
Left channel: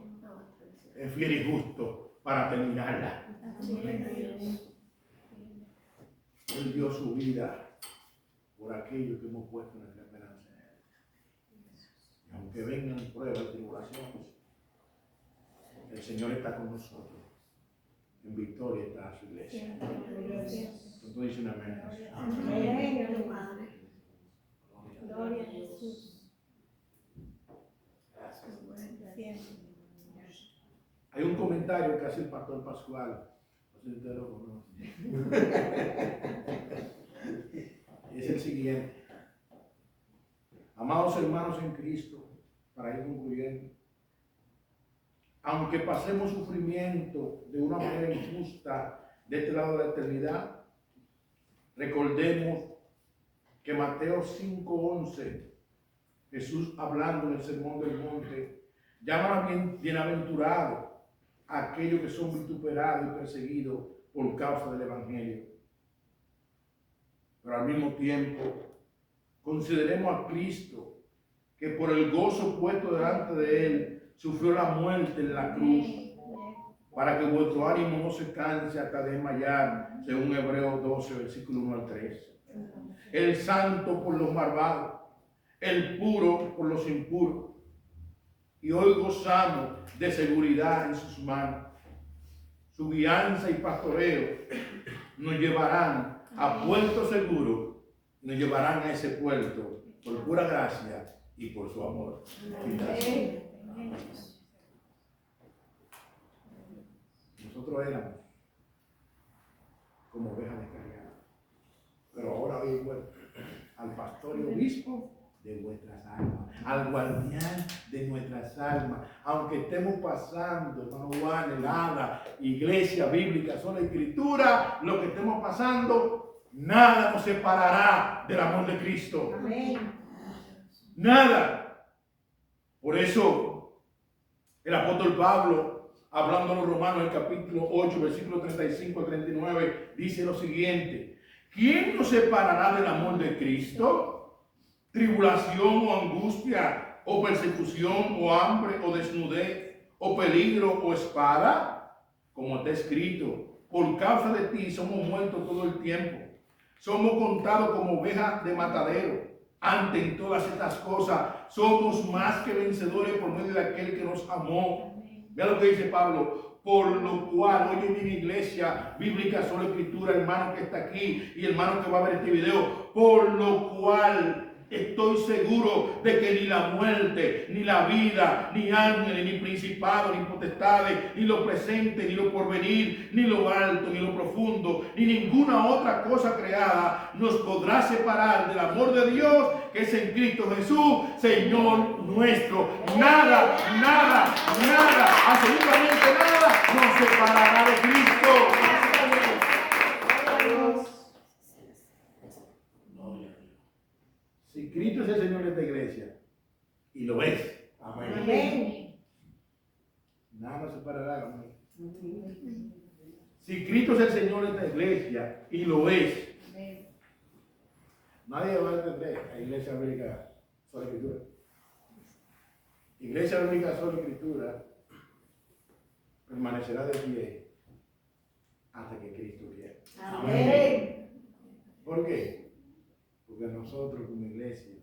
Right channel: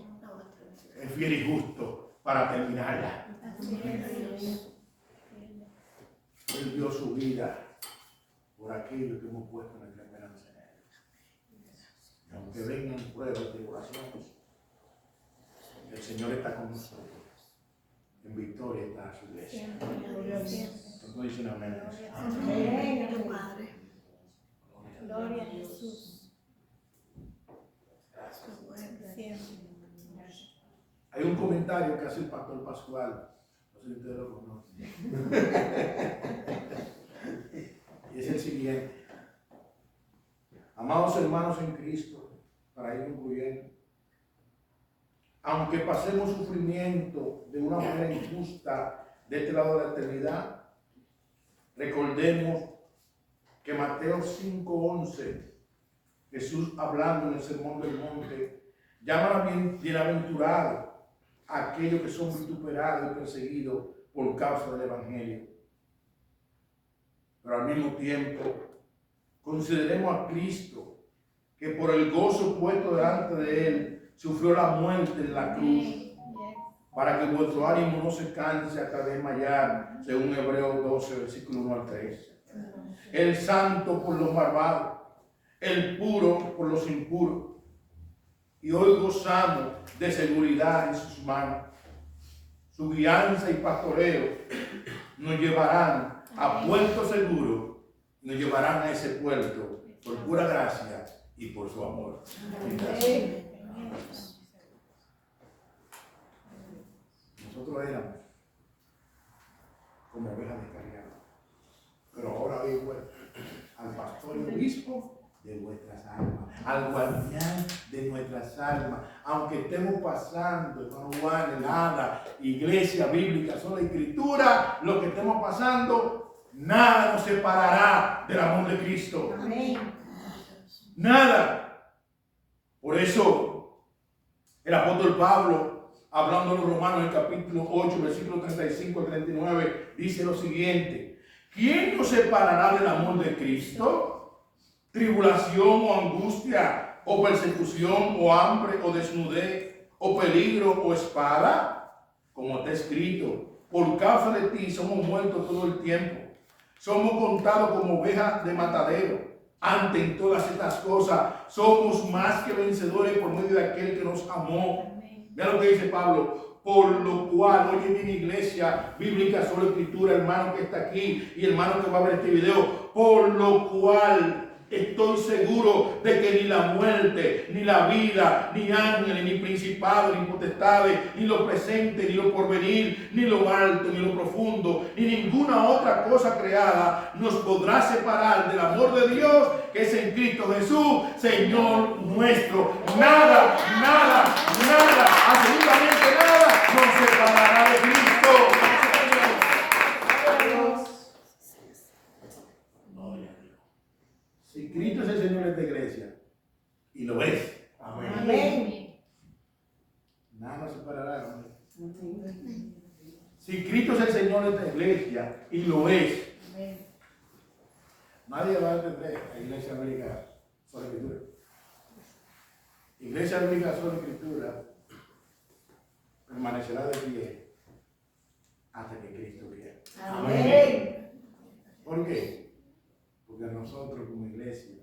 Es fiel y justo para terminarla. Él dio su vida por aquello que hemos puesto nuestra esperanza en Él. Y aunque vengan pruebas y tribulaciones, el Señor está con nosotros. En victoria está su iglesia. ¿Cuánto dicen amén? Gloria a Jesús. Hay un comentario que hace el pastor Pascual. No sé si ustedes lo conocen. Y es el siguiente. Amados hermanos en Cristo, para ir concluyendo, aunque pasemos sufrimiento de una manera injusta de este lado de la eternidad, recordemos que Mateo 5:11, Jesús hablando en el Sermón del Monte, llama a bienaventurados a aquellos que son vituperados y perseguidos por causa del Evangelio. Pero al mismo tiempo, consideremos a Cristo, que por el gozo puesto delante de Él, sufrió la muerte en la cruz, para que vuestro ánimo no se canse hasta desmayar, según Hebreos 12, versículo 1 al 3. El santo por los malvados, el puro por los impuros. Y hoy gozamos de seguridad en sus manos. Su guianza y pastoreo nos llevarán a puerto seguro, nos llevarán a ese puerto por pura gracia y por su amor. Nosotros éramos como ovejas descarriadas, pero ahora hay vuelto al pastor y obispo de vuestras almas, al guardián de nuestras almas. Aunque estemos pasando, hermano Juan, helada, iglesia bíblica, sola escritura, lo que estemos pasando, nada nos separará del amor de Cristo. Amén. Nada. Por eso, el apóstol Pablo, hablando a los Romanos en el capítulo 8, versículo 35 al 39, dice lo siguiente: ¿quién nos separará del amor de Cristo? ¿Tribulación o angustia, o persecución, o hambre, o desnudez, o peligro, o espada? Como está escrito, por causa de ti somos muertos todo el tiempo. Somos contados como ovejas de matadero. Ante en todas estas cosas, somos más que vencedores por medio de aquel que nos amó. Vea lo que dice Pablo: Por lo cual, oye mi iglesia bíblica, solo escritura, hermano que está aquí y hermano que va a ver este video, por lo cual estoy seguro de que ni la muerte, ni la vida, ni ángeles, ni principados, ni potestades, ni lo presente, ni lo porvenir, ni lo alto, ni lo profundo, ni ninguna otra cosa creada nos podrá separar del amor de Dios que es en Cristo Jesús, Señor nuestro. Nada, nada, nada, absolutamente nada nos separará de Cristo. Si Cristo es el Señor de esta iglesia, y lo es, Amén. nada nos separará, amén. Si Cristo es el Señor de esta iglesia, y lo es, nadie va a entender a Iglesia Bíblica Sola Escritura. Iglesia Bíblica Sola Escritura permanecerá de pie hasta que Cristo quiera. Amén. ¿Por qué? Porque nosotros como iglesia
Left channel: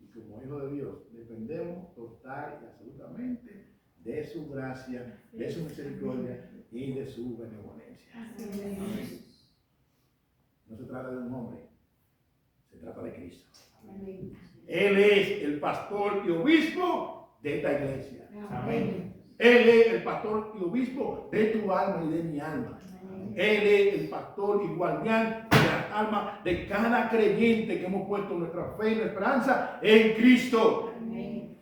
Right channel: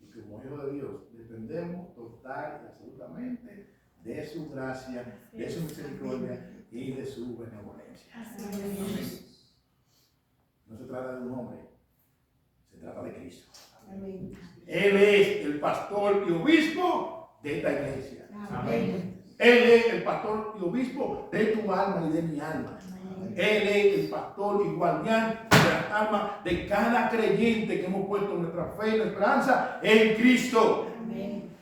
y como hijos de Dios dependemos total y absolutamente de su gracia, de su misericordia y de su benevolencia. Amén. No se trata de un hombre, se trata de Cristo. Amén. Él es el pastor y obispo de esta iglesia. Amén. Él es el pastor y obispo de tu alma y de mi alma. Él es el pastor y guardián de las almas de cada creyente que hemos puesto nuestra fe y nuestra esperanza en Cristo. Amén.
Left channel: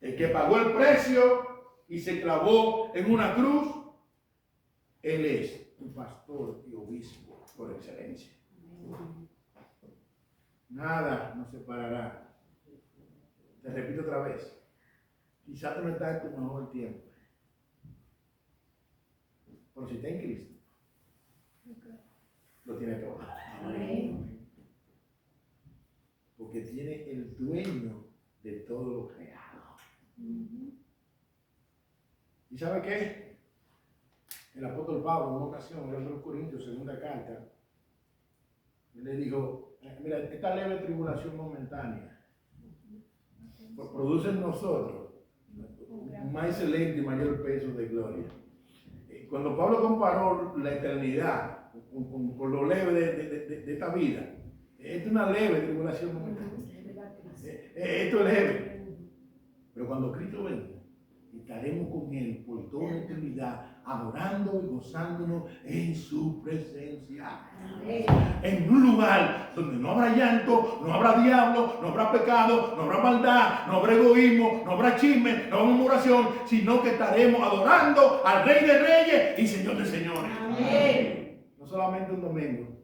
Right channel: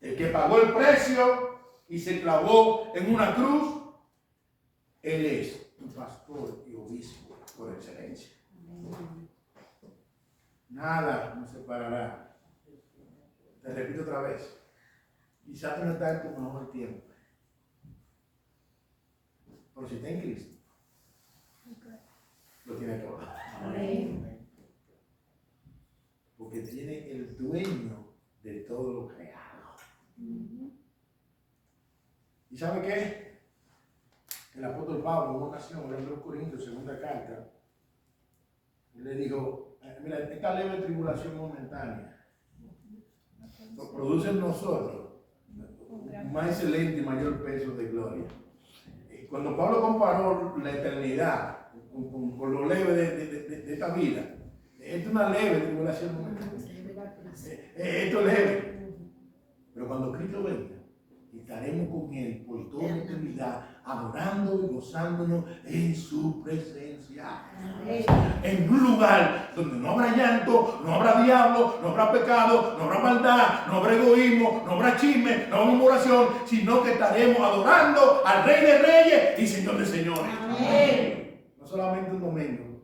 El que pagó el precio y se clavó en una cruz, Él es tu pastor y obispo por excelencia. Nada nos separará. Te repito otra vez. Quizás tú no estás en tu mejor tiempo. Pero si está en Cristo, lo tiene todo. Amén. Porque tiene el dueño de todo lo creado. ¿Y sabe qué? El apóstol Pablo, en una ocasión, hablando de los Corintios, segunda carta, él le dijo: mira, esta leve tribulación momentánea produce en nosotros un más excelente y mayor peso de gloria. Cuando Pablo comparó la eternidad con lo leve de esta vida, esto es una leve tribulación momentánea. Esto es leve. Pero cuando Cristo venga, estaremos con Él por toda la eternidad, adorando y gozándonos en su presencia. En un lugar donde no habrá llanto, no habrá diablo, no habrá pecado, no habrá maldad, no habrá egoísmo, no habrá chisme, no habrá murmuración, sino que estaremos adorando al Rey de Reyes y Señor de Señores. Amén. No solamente un domingo,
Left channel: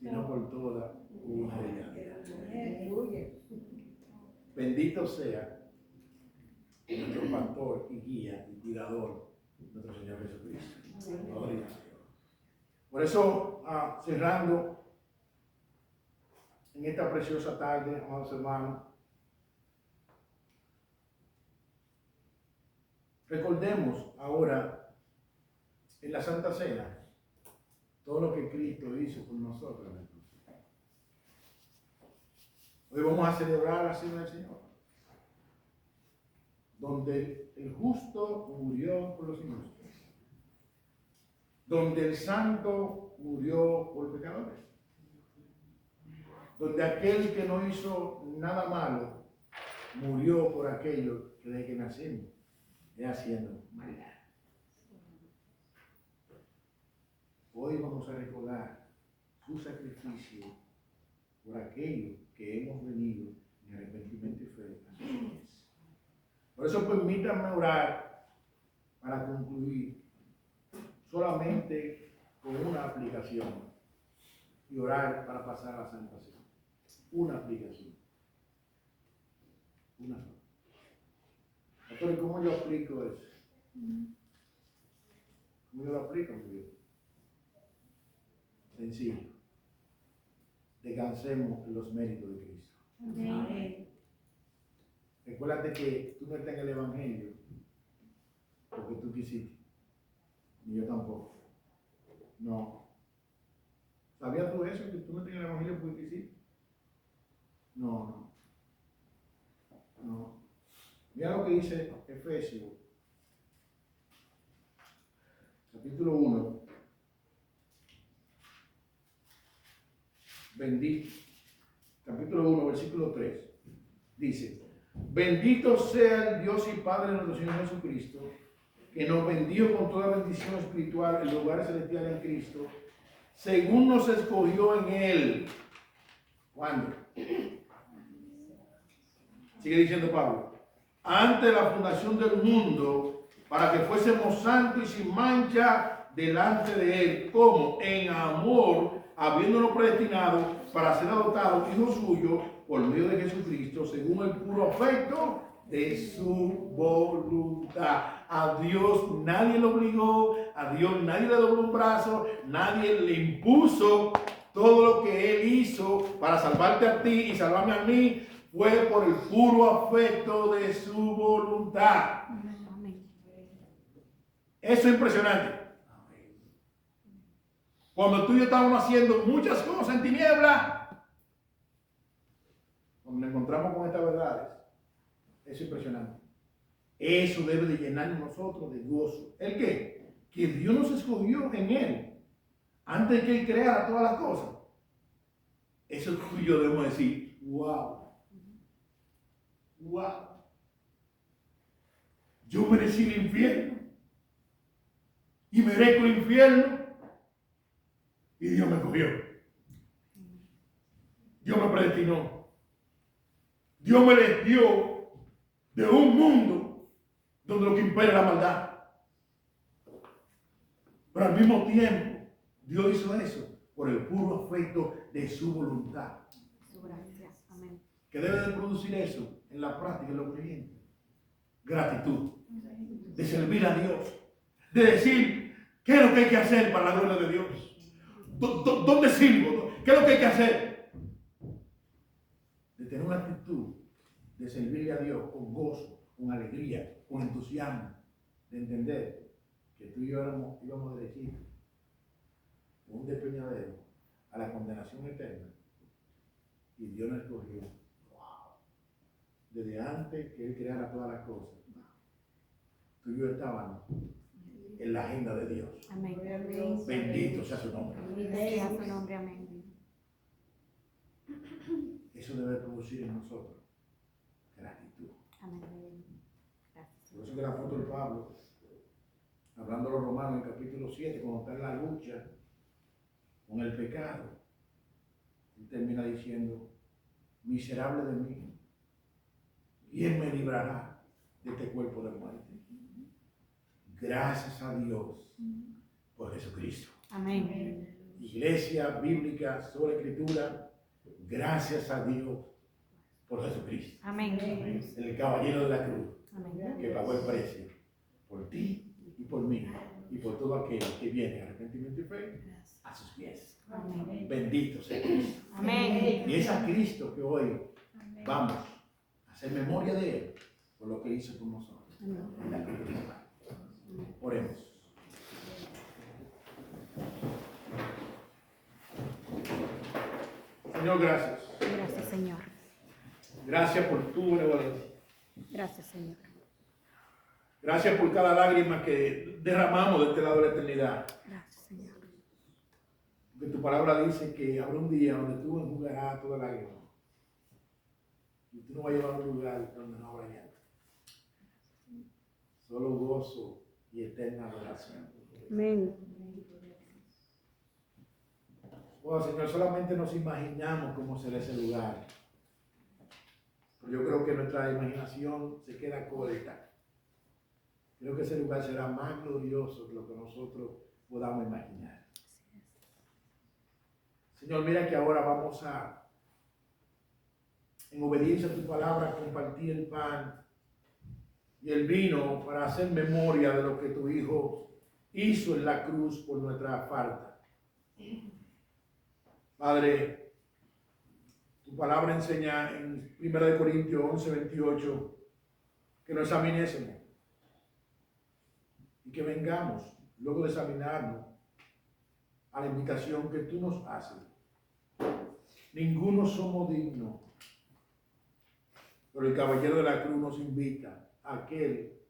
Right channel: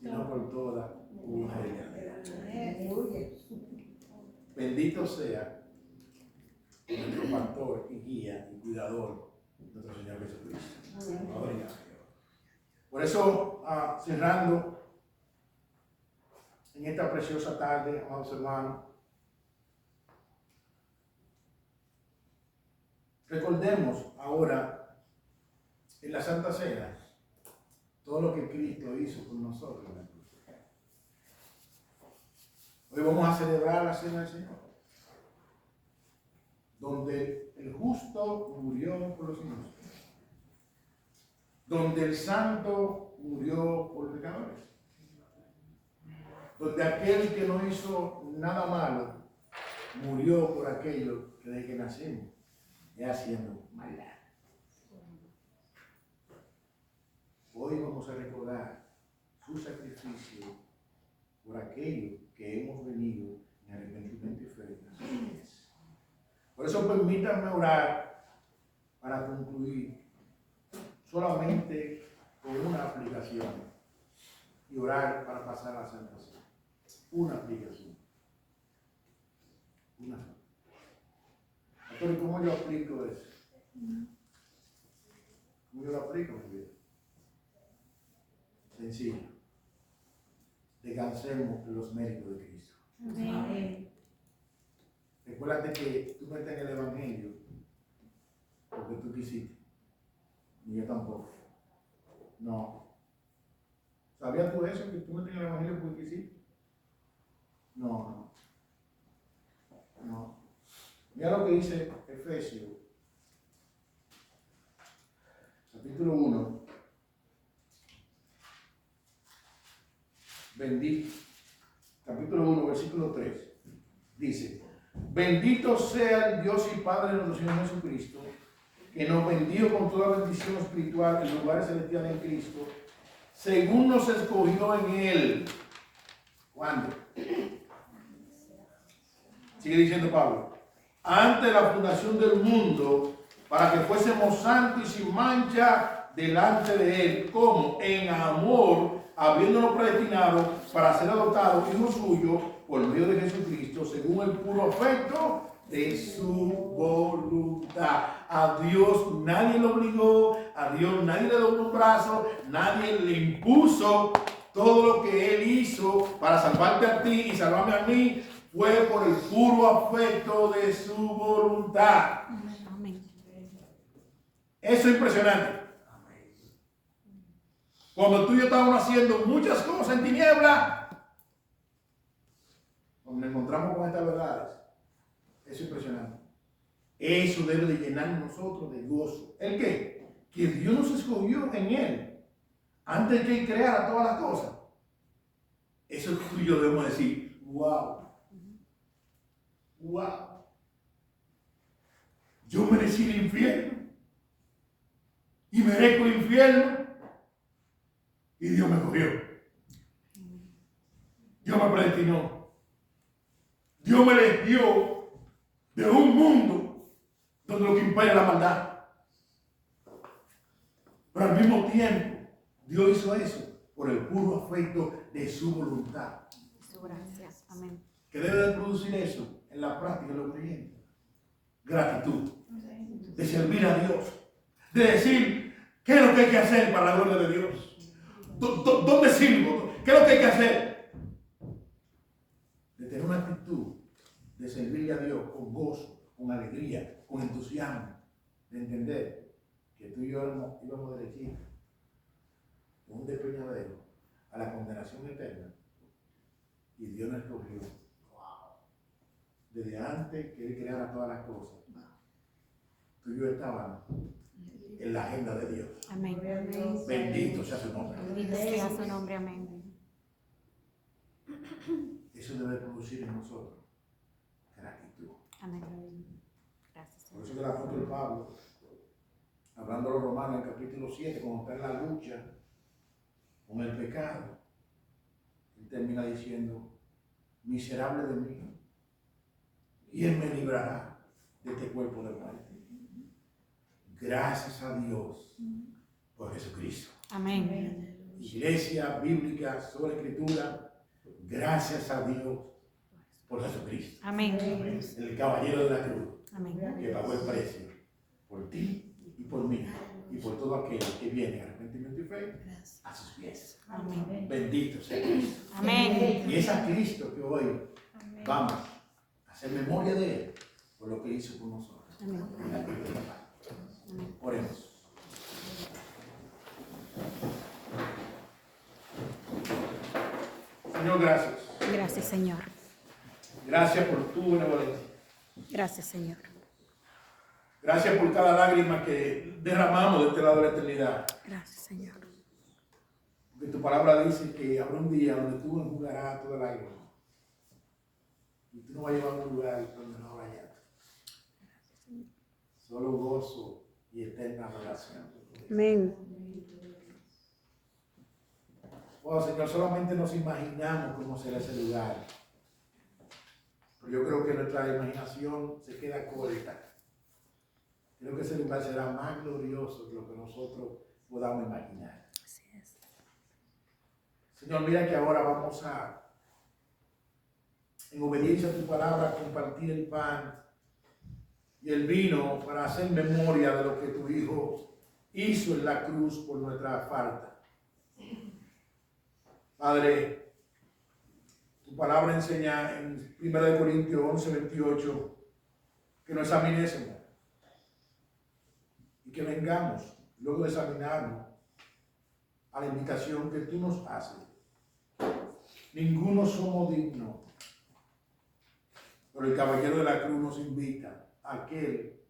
sino por toda una eternidad. Bendito sea nuestro pastor y guía y cuidador, nuestro Señor Jesucristo. Gloria a Dios. Por eso, cerrando en esta preciosa tarde, amados hermanos, recordemos ahora en la Santa Cena todo lo que Cristo hizo por nosotros en la cruz. Hoy vamos a celebrar la Cena del Señor, donde el justo murió por los injustos, donde el santo murió por pecadores, donde aquel que no hizo nada malo murió por aquello que desde que nacemos es haciendo maldad. Hoy vamos a recordar su sacrificio por aquello que hemos venido en arrepentimiento y fe a sus pies. Por eso permítanme orar para concluir solamente con una aplicación y orar para pasar a la Santa Cena. Una aplicación. Una sola. Pastor, ¿y cómo yo aplico eso? ¿Cómo yo lo aplico en mi vida? Sencillo. Descansemos en los méritos de Cristo. Amén. Recuérdate que tú no estás en el Evangelio porque tú quisiste, ni yo tampoco. No. ¿Sabías tú eso, que tú no estás en el Evangelio porque quisiste? No. Mira lo que dice Efesios, capítulo 1, capítulo 1, versículo 3, dice: bendito sea el Dios y Padre de nuestro Señor Jesucristo, que nos bendijo con toda bendición espiritual en lugares celestiales en Cristo, según nos escogió en Él. ¿Cuándo? Sigue diciendo Pablo: antes de la fundación del mundo, para que fuésemos santos y sin mancha delante de Él, como en amor, habiéndonos predestinado para ser adoptados hijos suyos por medio de Jesucristo, según el puro afecto de su voluntad. A Dios nadie lo obligó, a Dios nadie le dobló un brazo, nadie le impuso. Todo lo que Él hizo para salvarte a ti y salvarme a mí fue por el puro afecto de su voluntad. Eso es impresionante. Cuando tú y yo estábamos haciendo muchas cosas en tinieblas, cuando nos encontramos con estas verdades, eso es impresionante. Eso debe de llenarnos nosotros de gozo. ¿El qué? Que Dios nos escogió en Él antes de que Él creara todas las cosas. Eso tú y yo debemos decir: wow. Wow. Yo merecí el infierno y merezco el infierno y Dios me cogió. Dios me predestinó. Dios me eligió de un mundo donde lo que impera es la maldad. Pero al mismo tiempo, Dios hizo eso por el puro afecto de su voluntad. Su gracia. Amén. ¿Qué debe de producir eso en la práctica de los creyentes? Gratitud. De servir a Dios. De decir: ¿qué es lo que hay que hacer para la gloria de Dios? ¿Dónde sirvo? ¿Qué es lo que hay que hacer? De tener una actitud de servirle a Dios con gozo, con alegría, con entusiasmo. De entender que tú y yo íbamos derechitos de un despeñadero a la condenación eterna. Y Dios nos escogió. Desde antes que Él creara todas las cosas, tú y yo estábamos en la agenda de Dios. Amén. Bendito sea su nombre. Bendito sea su nombre. Amén. Eso debe producir en nosotros gratitud. Amén. Gracias. Por eso que el apóstol Pablo, hablando a los romanos en capítulo 7, cuando está en la lucha con el pecado, él termina diciendo: miserable de mí, ¿quién me librará de este cuerpo de muerte? Gracias a Dios por Jesucristo. Amén. Iglesia bíblica sobre escritura, gracias a Dios por Jesucristo. Amén. El caballero de la cruz, Amén. que pagó el precio por ti y por mí y por todo aquel que viene a arrepentimiento y fe a sus pies. Amén. Bendito sea Cristo. Amén. Y es a Cristo que hoy vamos a hacer memoria de Él por lo que hizo por nosotros. Amén. En la cruz de Calvario. Oremos. Señor, gracias. Gracias, Señor. Gracias por tu benevolencia. Gracias, Señor. Gracias por cada lágrima que derramamos de este lado de la eternidad. Gracias, Señor. Porque tu palabra dice que habrá un día donde tú enjugarás toda lágrima. Y tú no vas a llevar a un lugar donde no habrá llanto. Solo gozo y eterna adoración. Amén. Oh, Señor, solamente nos imaginamos cómo será ese lugar. Pero yo creo que nuestra imaginación se queda corta. Creo que ese lugar será más glorioso que lo que nosotros podamos imaginar. Así es. Señor, mira que ahora vamos a, en obediencia a tu palabra, compartir el pan y el vino para hacer memoria de lo que tu Hijo hizo en la cruz por nuestra falta. Padre, tu palabra enseña en 1 Corintios 11:28 que nos examinésemos y que vengamos, luego de examinarnos, a la invitación que tú nos haces. Ninguno somos dignos, pero el caballero de la cruz nos invita a aquel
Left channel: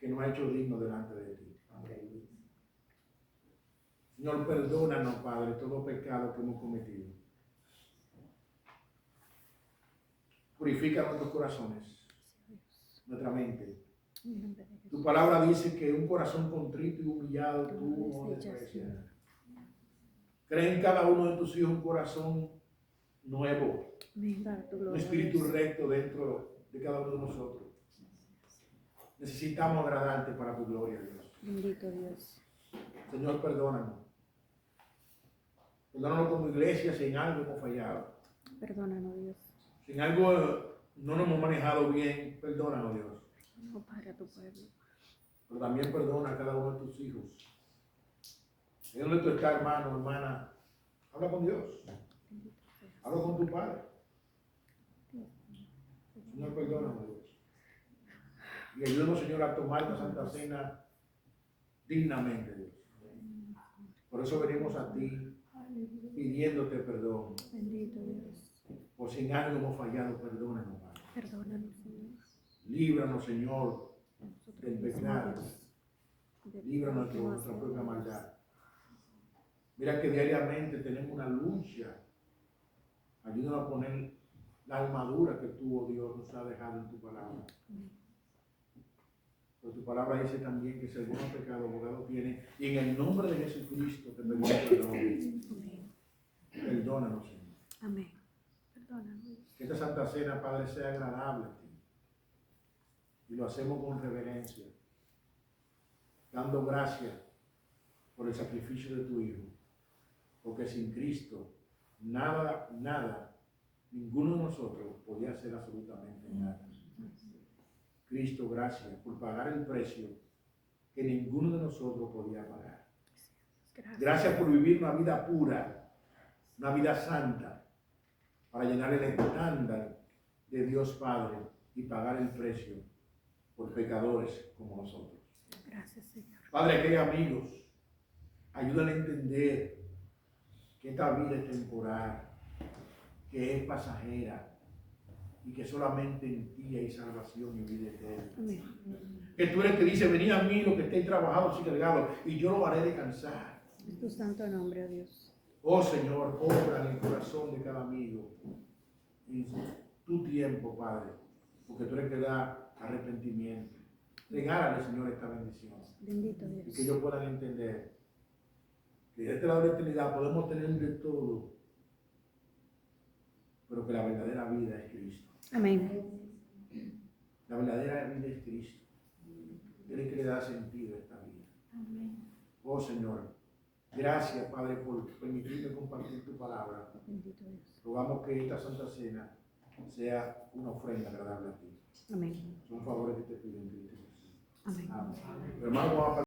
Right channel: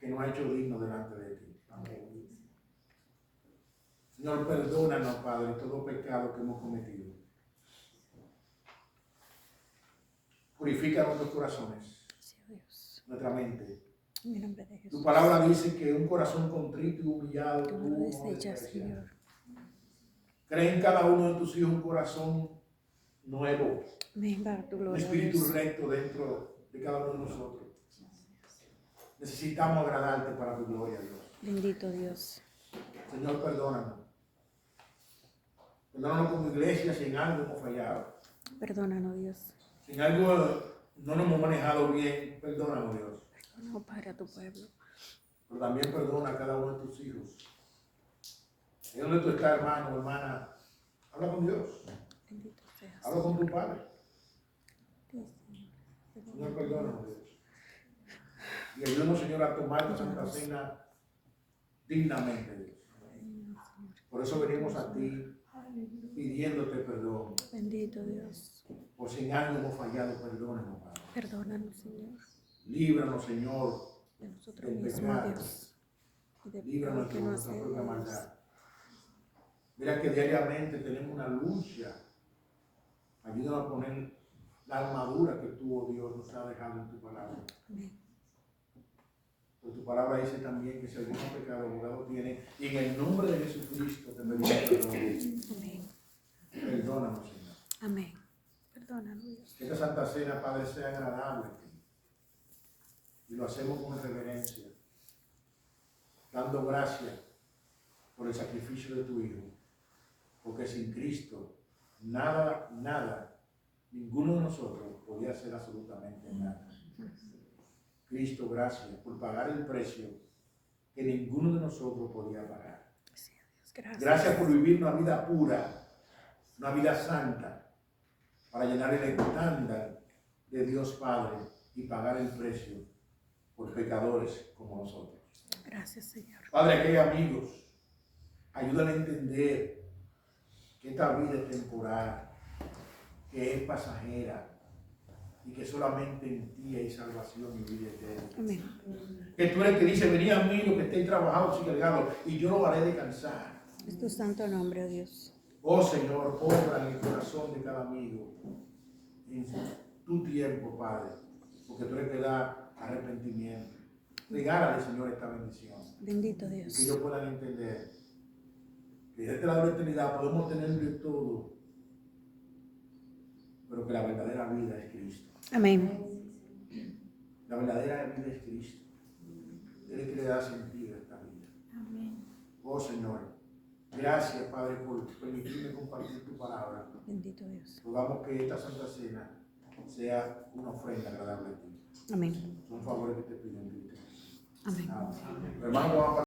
que nos ha hecho dignos delante de ti. Amén. Señor, perdónanos, Padre, todo pecado que hemos cometido. Purifica nuestros corazones, nuestra mente. En el nombre de Tu Jesús. palabra dice que un corazón contrito y humillado Tú tú no no desechas, desprecias. Señor. Crea en cada uno de tus hijos un corazón nuevo, Amén, para tu un gloria. espíritu Dios. recto dentro de cada uno de nosotros. Necesitamos agradarte para tu gloria, Dios. Bendito Dios. Señor, perdónanos. Perdónanos como iglesia si en algo hemos fallado. Perdónanos, Dios. Si en algo no nos hemos manejado bien, perdónanos, Dios. No para tu pueblo. Pero también perdona a cada uno de tus hijos. ¿En dónde tú estás, hermano, hermana? Habla con Dios. Bendito seas. Habla con tu Padre. Dios. Señor, perdónanos, Dios. Y ayúdanos, Señor, a tomar esta Santa Cena dignamente, Dios. Por eso venimos a ti pidiéndote perdón. Bendito Dios. Por si en algo hemos fallado, perdónanos, Padre. Perdónanos, Señor. Líbranos, Señor, De nosotros del mismos, pecado. Dios. Y de Líbranos de todo nuestra que no propia hacemos. maldad. Mira que diariamente tenemos una lucha. Ayúdanos a poner la armadura que tú, oh Dios, nos has dejado en tu palabra. Amén. Pero tu palabra dice también que si alguno pecado, abogado tiene. Y en el nombre de Jesucristo te pedimos perdón. Amén. Perdónanos, Señor. Amén. Perdónanos, Dios. Que esta Santa Cena, Padre, sea agradable a ti. Y lo hacemos con reverencia, dando gracias por el sacrificio de tu Hijo. Porque sin Cristo, nada, ninguno de nosotros podía hacer absolutamente nada. Cristo, gracias por pagar el precio que ninguno de nosotros podía pagar. Gracias. Gracias por vivir una vida pura, una vida santa, para llenar el estándar de Dios Padre y pagar el precio por pecadores como nosotros. Gracias, Señor. Padre, que hay amigos, ayúdale a entender que esta vida es temporal, que es pasajera y que solamente en ti hay salvación y vida eterna. Amén. Que tú eres el que dice, venid a mí los que estéis trabajados y cargados y yo lo haré descansar. Es tu santo nombre, oh Dios. Oh Señor, obra en el corazón de cada amigo en tu tiempo, Padre, porque tú eres el que da arrepentimiento. Regálale, Señor, esta bendición Bendito y Dios. que ellos puedan entender que de este lado de la eternidad podemos tener de todo, pero que la verdadera vida es Cristo. Amén. La verdadera vida es Cristo. Él es el que le da sentido a esta vida. Amén. Oh Señor, gracias, Padre, por permitirme compartir tu palabra. Bendito Dios. Rogamos que esta Santa Cena sea una ofrenda agradable a ti. Amén. Son favores que te pido en Cristo Jesús. Amén. Amén. Hermano, vamos a